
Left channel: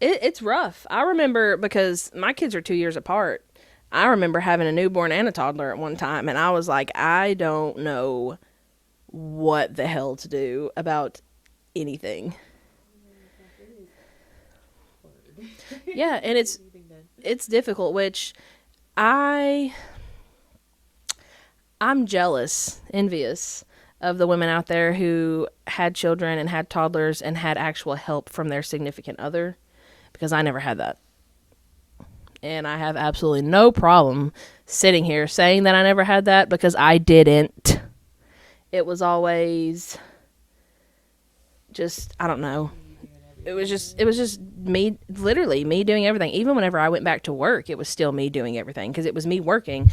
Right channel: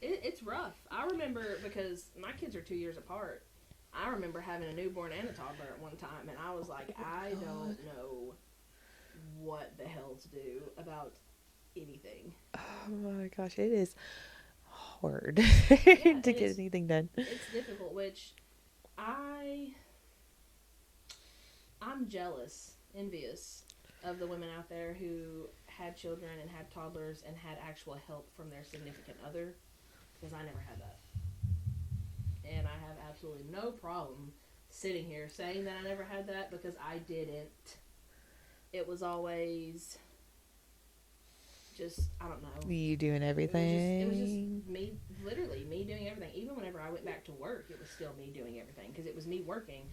it's rough. I remember, because my kids are 2 years apart, I remember having a newborn and a toddler at one time, and I was like, I don't know what the hell to do about anything. Oh my gosh, it is hard. Yeah, to and get anything done. It's difficult, which I'm jealous, envious of the women out there who had children and had toddlers and had actual help from their significant other, because I never had that. And I have absolutely no problem sitting here saying that I never had that, because I didn't. It was always just, I don't know. You doing everything. It was just me, literally me doing everything. Even whenever I went back to work, it was still me doing everything, because it was me working.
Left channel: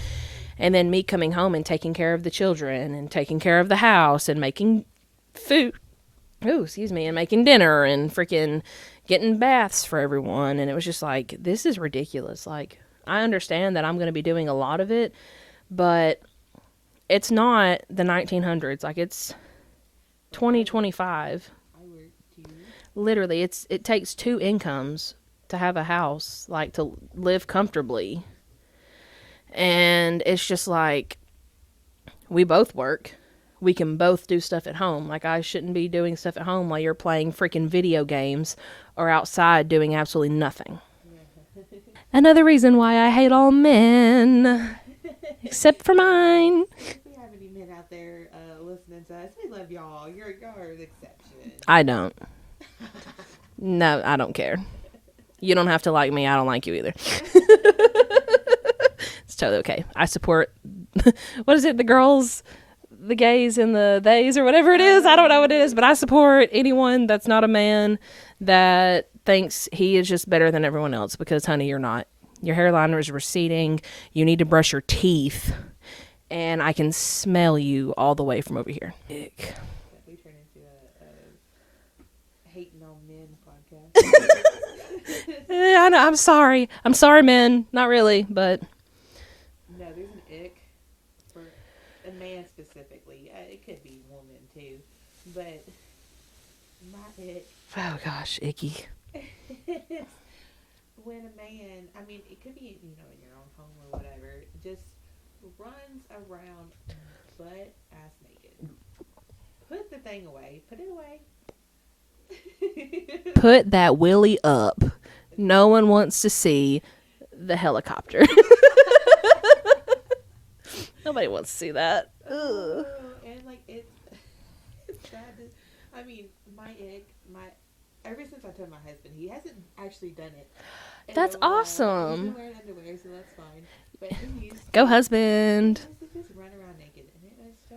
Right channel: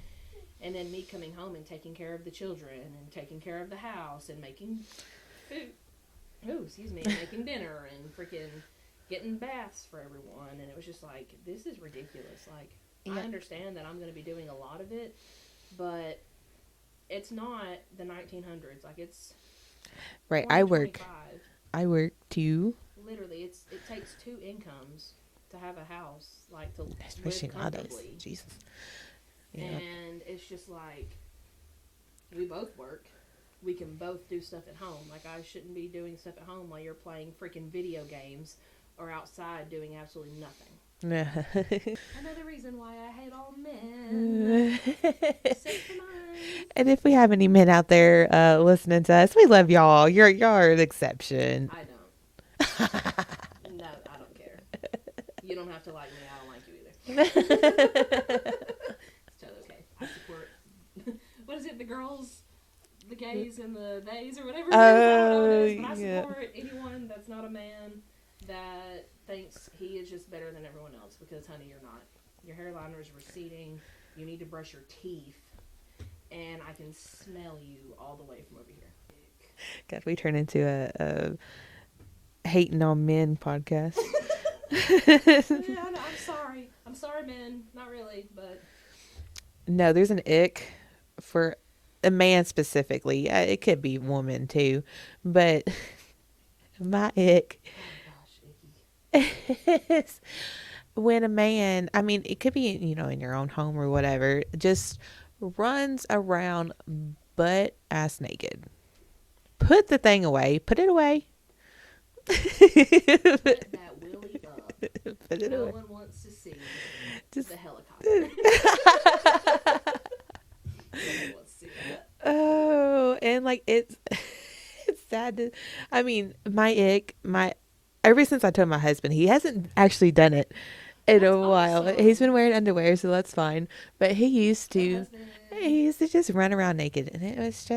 And then me coming home and taking care of the children and taking care of the house and making food. Oh, excuse me. And making dinner and freaking getting baths for everyone. And it was just like, this is ridiculous. Like, I understand that I'm going to be doing a lot of it, but it's not the 1900s. Like, it's right, 2025. I work too. Literally, it takes two incomes to have a house, like, to live comfortably. Jesus. And it's just like, we both work. We can both do stuff at home. Like, I shouldn't be doing stuff at home while you're playing freaking video games or outside doing absolutely nothing. Another reason why I hate all men, except for mine. And if we have any men out there listening to us, we love y'all. You're an exception. I don't. No, I don't care. You don't have to like me. I don't like you either. It's totally okay. I support, what is it, the girls, the gays, and the theys, or whatever it is. I don't know what it is, but I support anyone that's not a man that thinks he is just better than everyone else, because, honey, you're not. Your hairline is receding. You need to brush your teeth. And I can smell you all the way from over here. Ick. God, we turn into a hating on men podcast. Yeah, I know. I'm sorry. I'm sorry, men. Not really, but. No, there's an ick for a man specifically. It could be woman too, but my ick. Oh gosh, icky. Is when a man, I mean, it could be, in your own home or whatever, just runs around butt ass naked. Put the thing away. Put it away. Put that willy up. No one wants to see the helicopter. Nobody wants to see that. Oh, and like it's sad to, I mean, my ick, ever since I told my husband, he hasn't actually done it in That's a while. But he's been awesome. wearing underwear, so that's fine. But he used to. Go He husband. used to just run around naked, and it was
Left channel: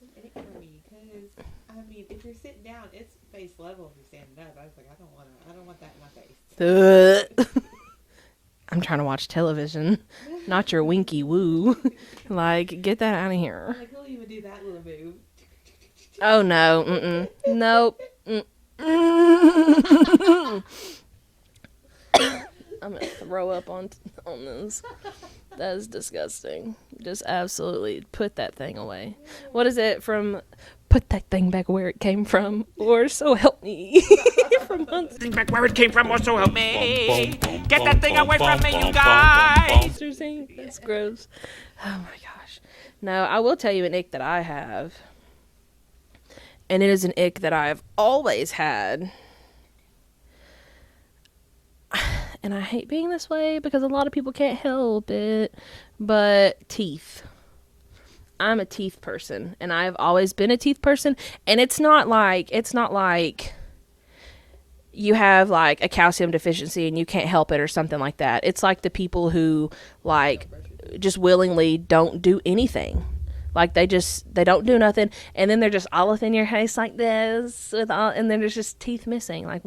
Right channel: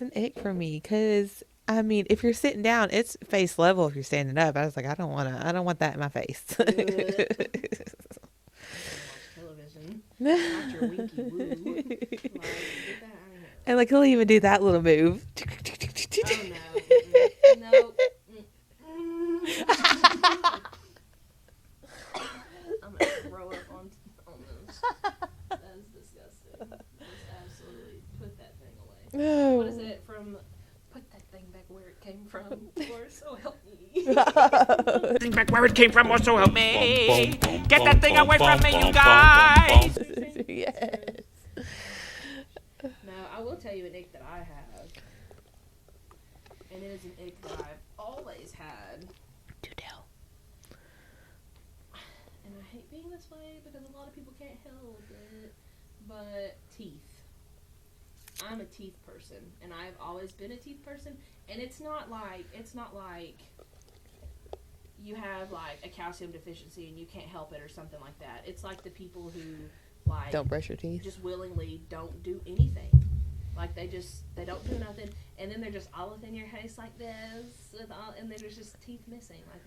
an ick for me. Cause I mean, if you're sitting down, it's face level. If you're standing up, I was like, I don't want that in my face. I'm trying to watch television, not your winky woo. Like, get that out of here. And like he'll even do that little move. Oh no, nope. I'm gonna throw up on this. That is disgusting. Just absolutely put that thing away. What is it from? Put that thing back where it came from, or so help me. Think back where it came from, or so help me. Get that thing away from me, you guys. It's gross. Oh my gosh. No, I will tell you an ick that I have, and it is an ick that I've always had. Do tell. And I hate being this way because a lot of people can't help it, but teeth. I'm a teeth person, and I've always been a teeth person, and it's not like you have like a calcium deficiency and you can't help it or something like that. It's like the people who like Don't brush your teeth. just willingly don't do anything. Like they don't do nothing, and then they're just all up in your face like this with all, and then there's just teeth missing. Like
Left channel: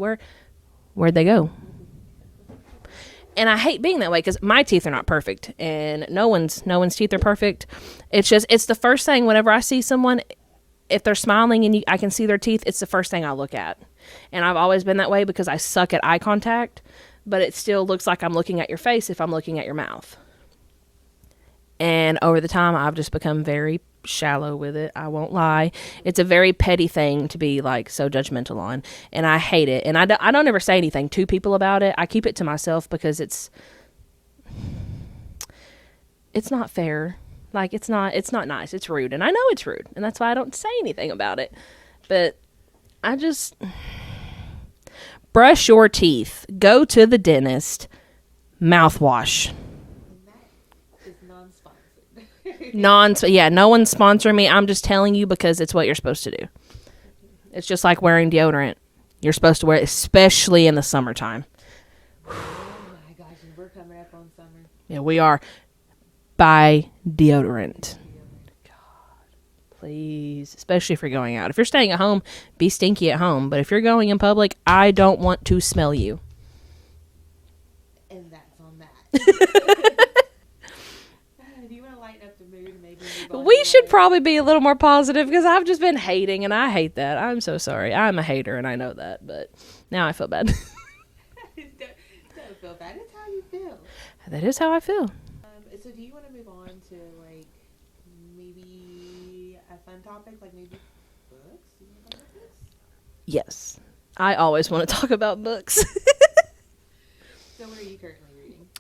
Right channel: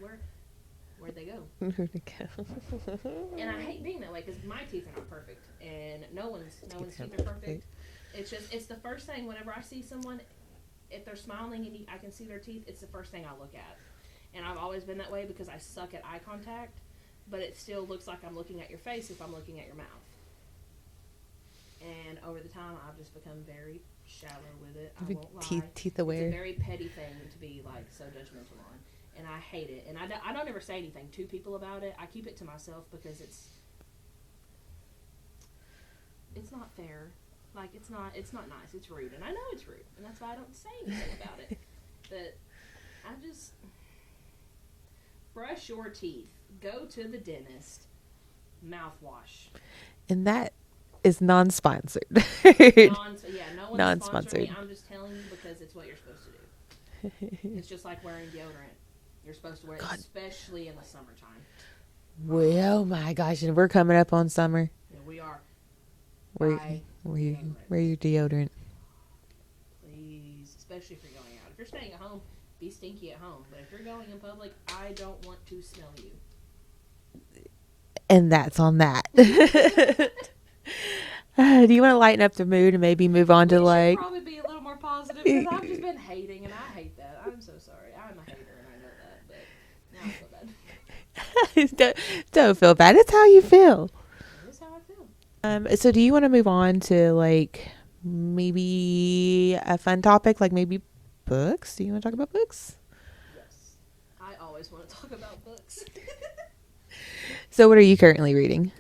where'd they go? And I hate being that way because my teeth are not perfect, and no one's teeth are perfect. It's the first thing whenever I see someone, if they're smiling and I can see their teeth, it's the first thing I look at. And I've always been that way because I suck at eye contact, but it still looks like I'm looking at your face if I'm looking at your mouth. And over the time, I've just become very shallow with it. I won't lie. It's a very petty thing to be like so judgmental on, and I hate it. And I don't ever say anything to people about it. I keep it to myself because it's not fair. Like it's not nice. It's rude, and I know it's rude, and that's why I don't say anything about it. But I just brush your teeth. Go to the dentist. Mouthwash. And that is non-sponsored. No one's sponsoring me. Non-sponsored. I'm just telling you because it's what you're supposed to do. It's just like wearing deodorant. You're supposed to wear it, especially in the summertime. Oh my gosh, and we're coming up on summer. Yeah, we are. Buy Wear deodorant. your deodorant. Please. Especially if you're going out. If you're staying at home, be stinky at home. But if you're going in public, I don't want to smell you. And that's on that. Do you want to lighten up the mood and maybe move on We to should probably be a little more positive because I've just been hating, and I hate that. I'm so sorry. I'm a hater, and I know that. But now I feel bad. don't feel bad. It's how you feel. That is how I feel. So do you want to move on to like maybe a fun topic, like maybe books? Do you want to talk about books? Yes. I always want to talk about books. So what are you currently reading?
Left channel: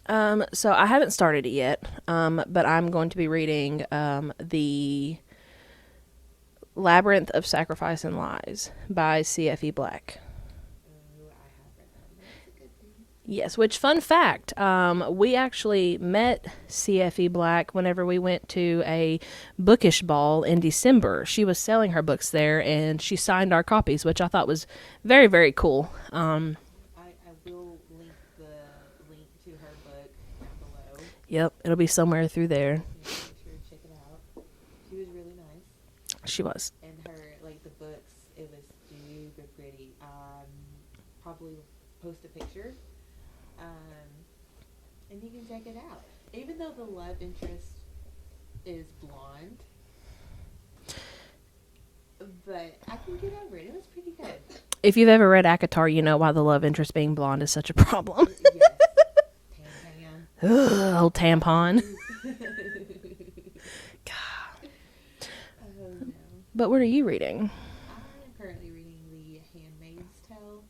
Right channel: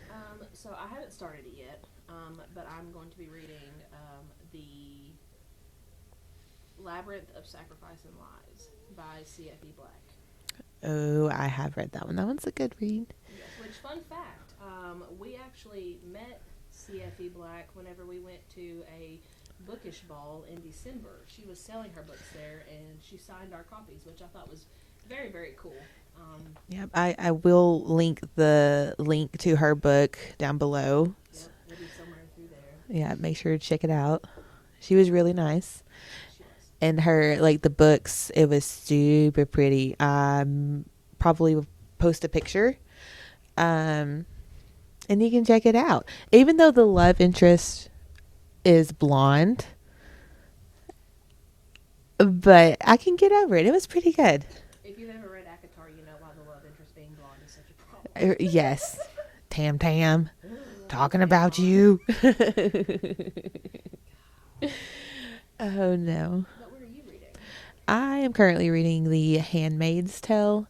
So I haven't started it yet, but I'm going to be reading the Labyrinth of Sacrifice and Lies by C.F.E. Black. Oh, I have read that one. That one's a good read. Yes, which, fun fact, we actually met C.F.E. Black whenever we went to a bookish ball in December. She was selling her books there, and she signed our copies, which I thought was very, very cool. Yep, I will link the link to her book down below. Yep, it'll be somewhere through there. Yeah, make sure to check it out. She was really nice. She was. And her, like, the books, it was super pretty. Probably will post a picture. And you can check it out. Even though the love interest is blonde, but I can get over it. It was pretty good. If you've ever read ACOTAR, you know why the love interest being blonde is such a problem. Yes. Tam. Talking about tampon. you. God. Oh, no. But what are you reading? I am currently reading The Handmaid's Tale.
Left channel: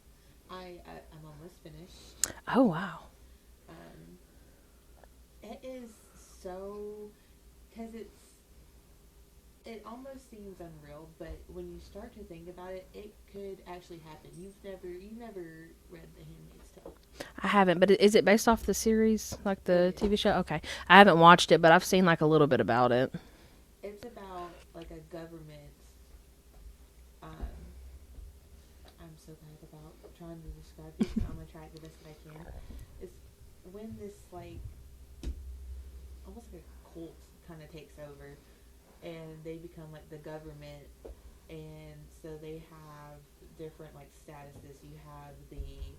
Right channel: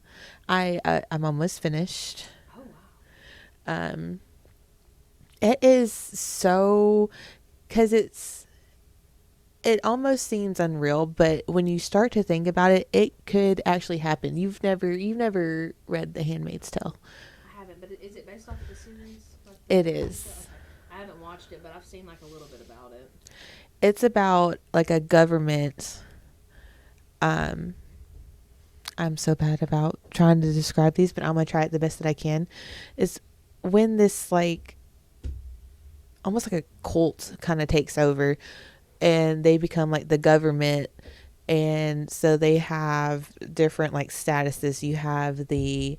I'm almost finished. Oh, wow. It is so, because it almost seems unreal, but when you start to think about it, it could actually happen. You've never read The Handmaid's Tale. I haven't, but is it based off the series, like the It TV is. show? Okay. I haven't watched it, but I've seen like a little bit about it. It's about like a government, I'm so bad about trying to describe these, but I'm going to try it the best that I can, is when this, like, almost like a cult kind of takes over and they become like the government. And so they have different like statuses. You have the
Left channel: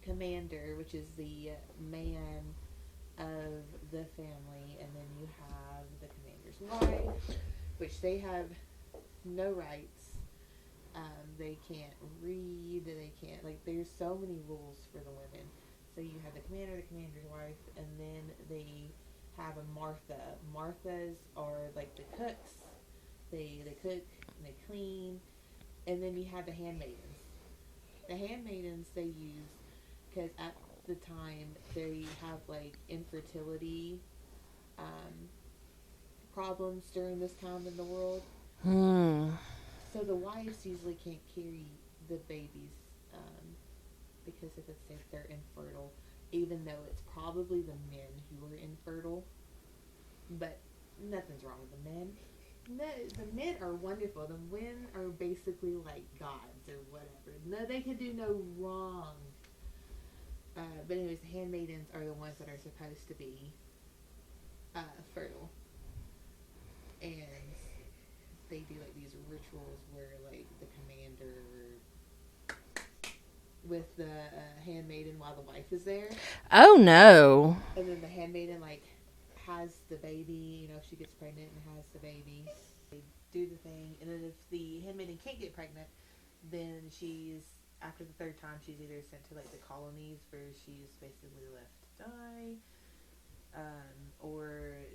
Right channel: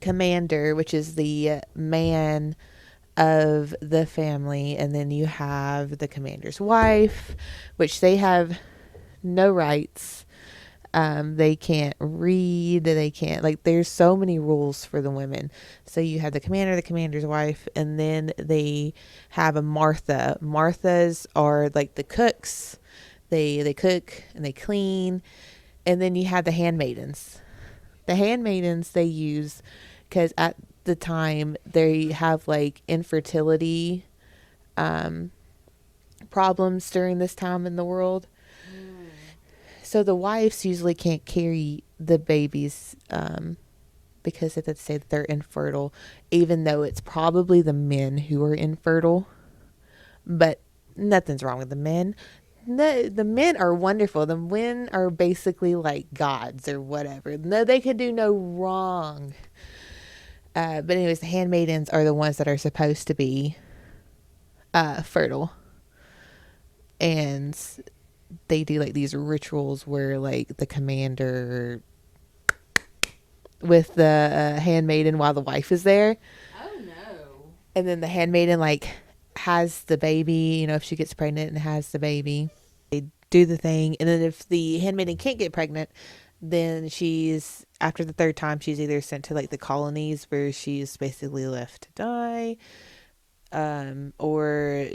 commander, which is the man of the family, and then you have the commander's wife, which they have no rights. They can't read, they can't, like, there's so many rules for the women. So you have the commander, the commander's wife, and then they have a Martha. Marthas are like the cooks. They cook and they clean. And then you have the handmaidens. The handmaidens they use because at the time they have like infertility problems during this time in the world. So the wives usually can't carry the babies because if they say that they're infertile, even though it's probably the men who are infertile. But nothing's wrong with the men. No, the men are wonderful. The men are basically like gods or whatever. No, they could do no wrong. But anyways, the handmaidens are the ones that are supposed to be fertile. And they do like these rituals where like the commander with the handmaiden while the wife is there. Oh no. And then the handmaiden like has the baby, you know, if she gets pregnant and has the baby, they do the thing. And then if the handmaiden can't get pregnant, then she's, after the third time, she's either sent to like the colonies where she's basically left to die, or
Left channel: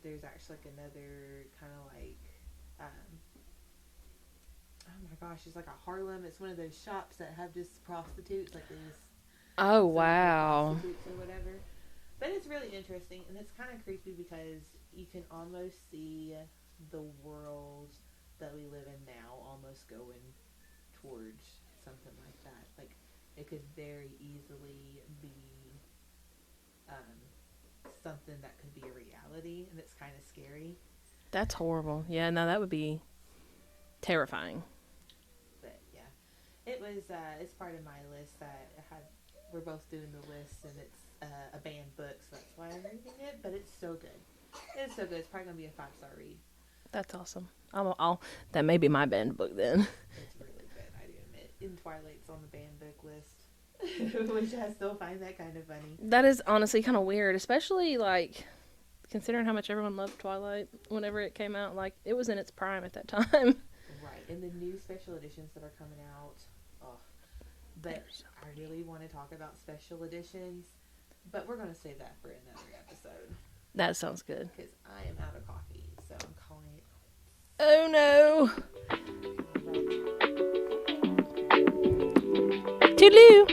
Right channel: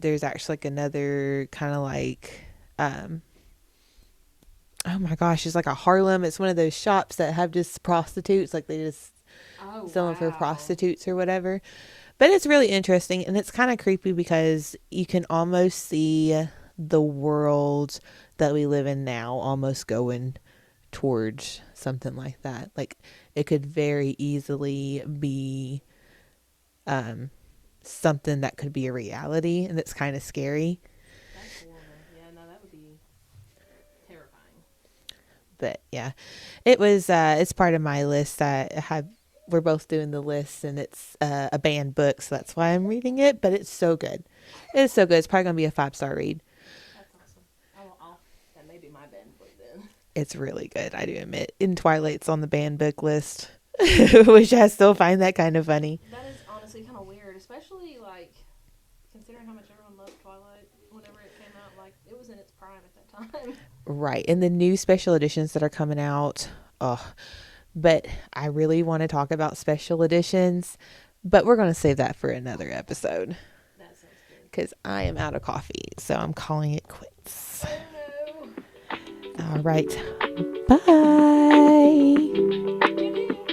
there's actually like another kind of like oh my gosh, it's like a Harlem. It's one of those shops that have just prostitutes, like they just sell for prostitutes or whatever. But it's really interesting, and it's kind of creepy because you can almost see the world that we live in now almost going towards something like that. Like it could very easily be something that could be a reality, and it's kind of scary. That's horrible. Yeah, no, that would be terrifying. But yeah, it was it's part of my list. We're both doing the list, and it's a banned book, so that's why I'm reading it. But it's so good. It's so good. It's probably gonna be a 5-star read. That's awesome. That may be my banned book then. It's really good, I do admit. In Twilight's on the banned book list, which I still find that kind of funny. That is honestly kind of weird, especially like considering how much everyone loved Twilight whenever it came out. Like it was in its prime at that time. Right, and the new special editions that are coming out. Oh, but I really want to talk about special editions, but we're going to save that for another episode. That sounds good. Because I am out of coffee, so I'm calling it quits. Oh no. All right. Bye. Toodaloo.